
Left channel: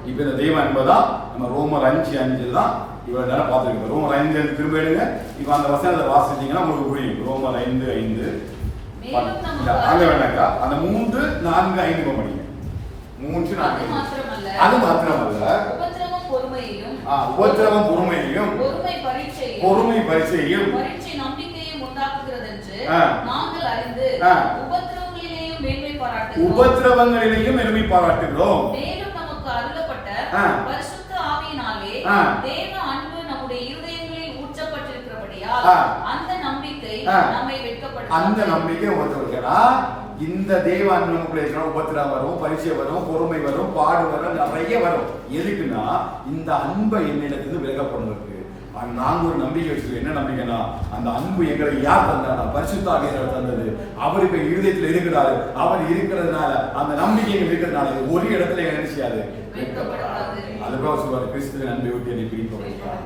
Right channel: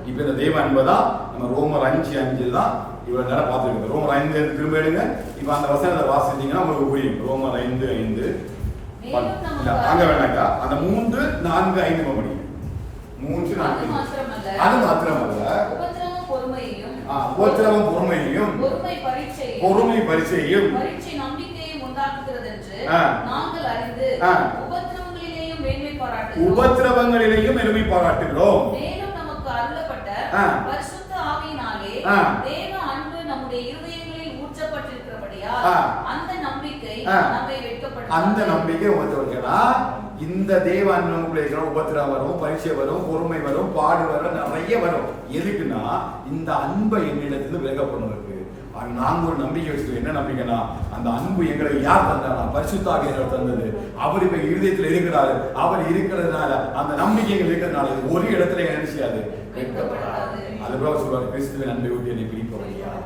இப்ப இந்த தெய்வ அன்பை தான் நம்ம ரோமர் 5:5 தான் இவ்வளவு நேரம் பார்த்துருக்கோம். ரோமர் 5 திரும்ப எடுங்க. இப்ப அந்த வசனத்தை வாசிச்சீங்கன்னா உங்களுக்கு புரியும். ரோமர் 5:5 அங்க வேணாக்கா அந்த 3, 4, 5 படிங்க. 3, 4, 5 அது மாத்திரமல்ல உபத்திரவம் பொறுமையையும் பொறுமை பரீட்சையையும் உபத்திரவங்களிலேயும் எளிமை பாராட்டுகிறோம். மேலும் நமக்கு அருளப்பட்ட பரிசுத்த ஆவியினாலே தேவ அன்பு நம்முடைய இருதயங்களில் ஊற்றப்பட்டிருக்கிறபடியால் அந்த நம்பிக்கை நம்மை வெட்கப்படுத்தாது. அந்த நம்பிக்கை உங்களுக்கு வருகிறா. இந்த தேவ அன்பு நமக்குள்ள உபத்திரம் வரும், பரீட்சை வரும், பொறுமை வரும், பாடு வரும், நிறைய வரும். எதுக்குன்னா இந்த அன்பை என்னிடத்துல விலகப்படுவதற்கு. நாங்க ஒரு நம்பிக்கை வச்சுக்கோ. என்ன நம்பிக்கைனா அந்த அன்பு எங்களுக்கு யார் தந்தானா? பரிசுத்த ஆவியானவர் தந்தது. அவர் இப்ப இருதயத்துல இருக்கிறாரு. அவர் இருக்கிறதுனால அந்த நம்பிக்கைகள் இருக்கிறதுனால ஒரு இடத்துல என்ன செய்யாது? வெட்கப்படாது. அதுதான் சொல்லுவாரு, கிறிஸ்துவின் அன்பை விட்டு என்னை பிரிப்பவன் யார்?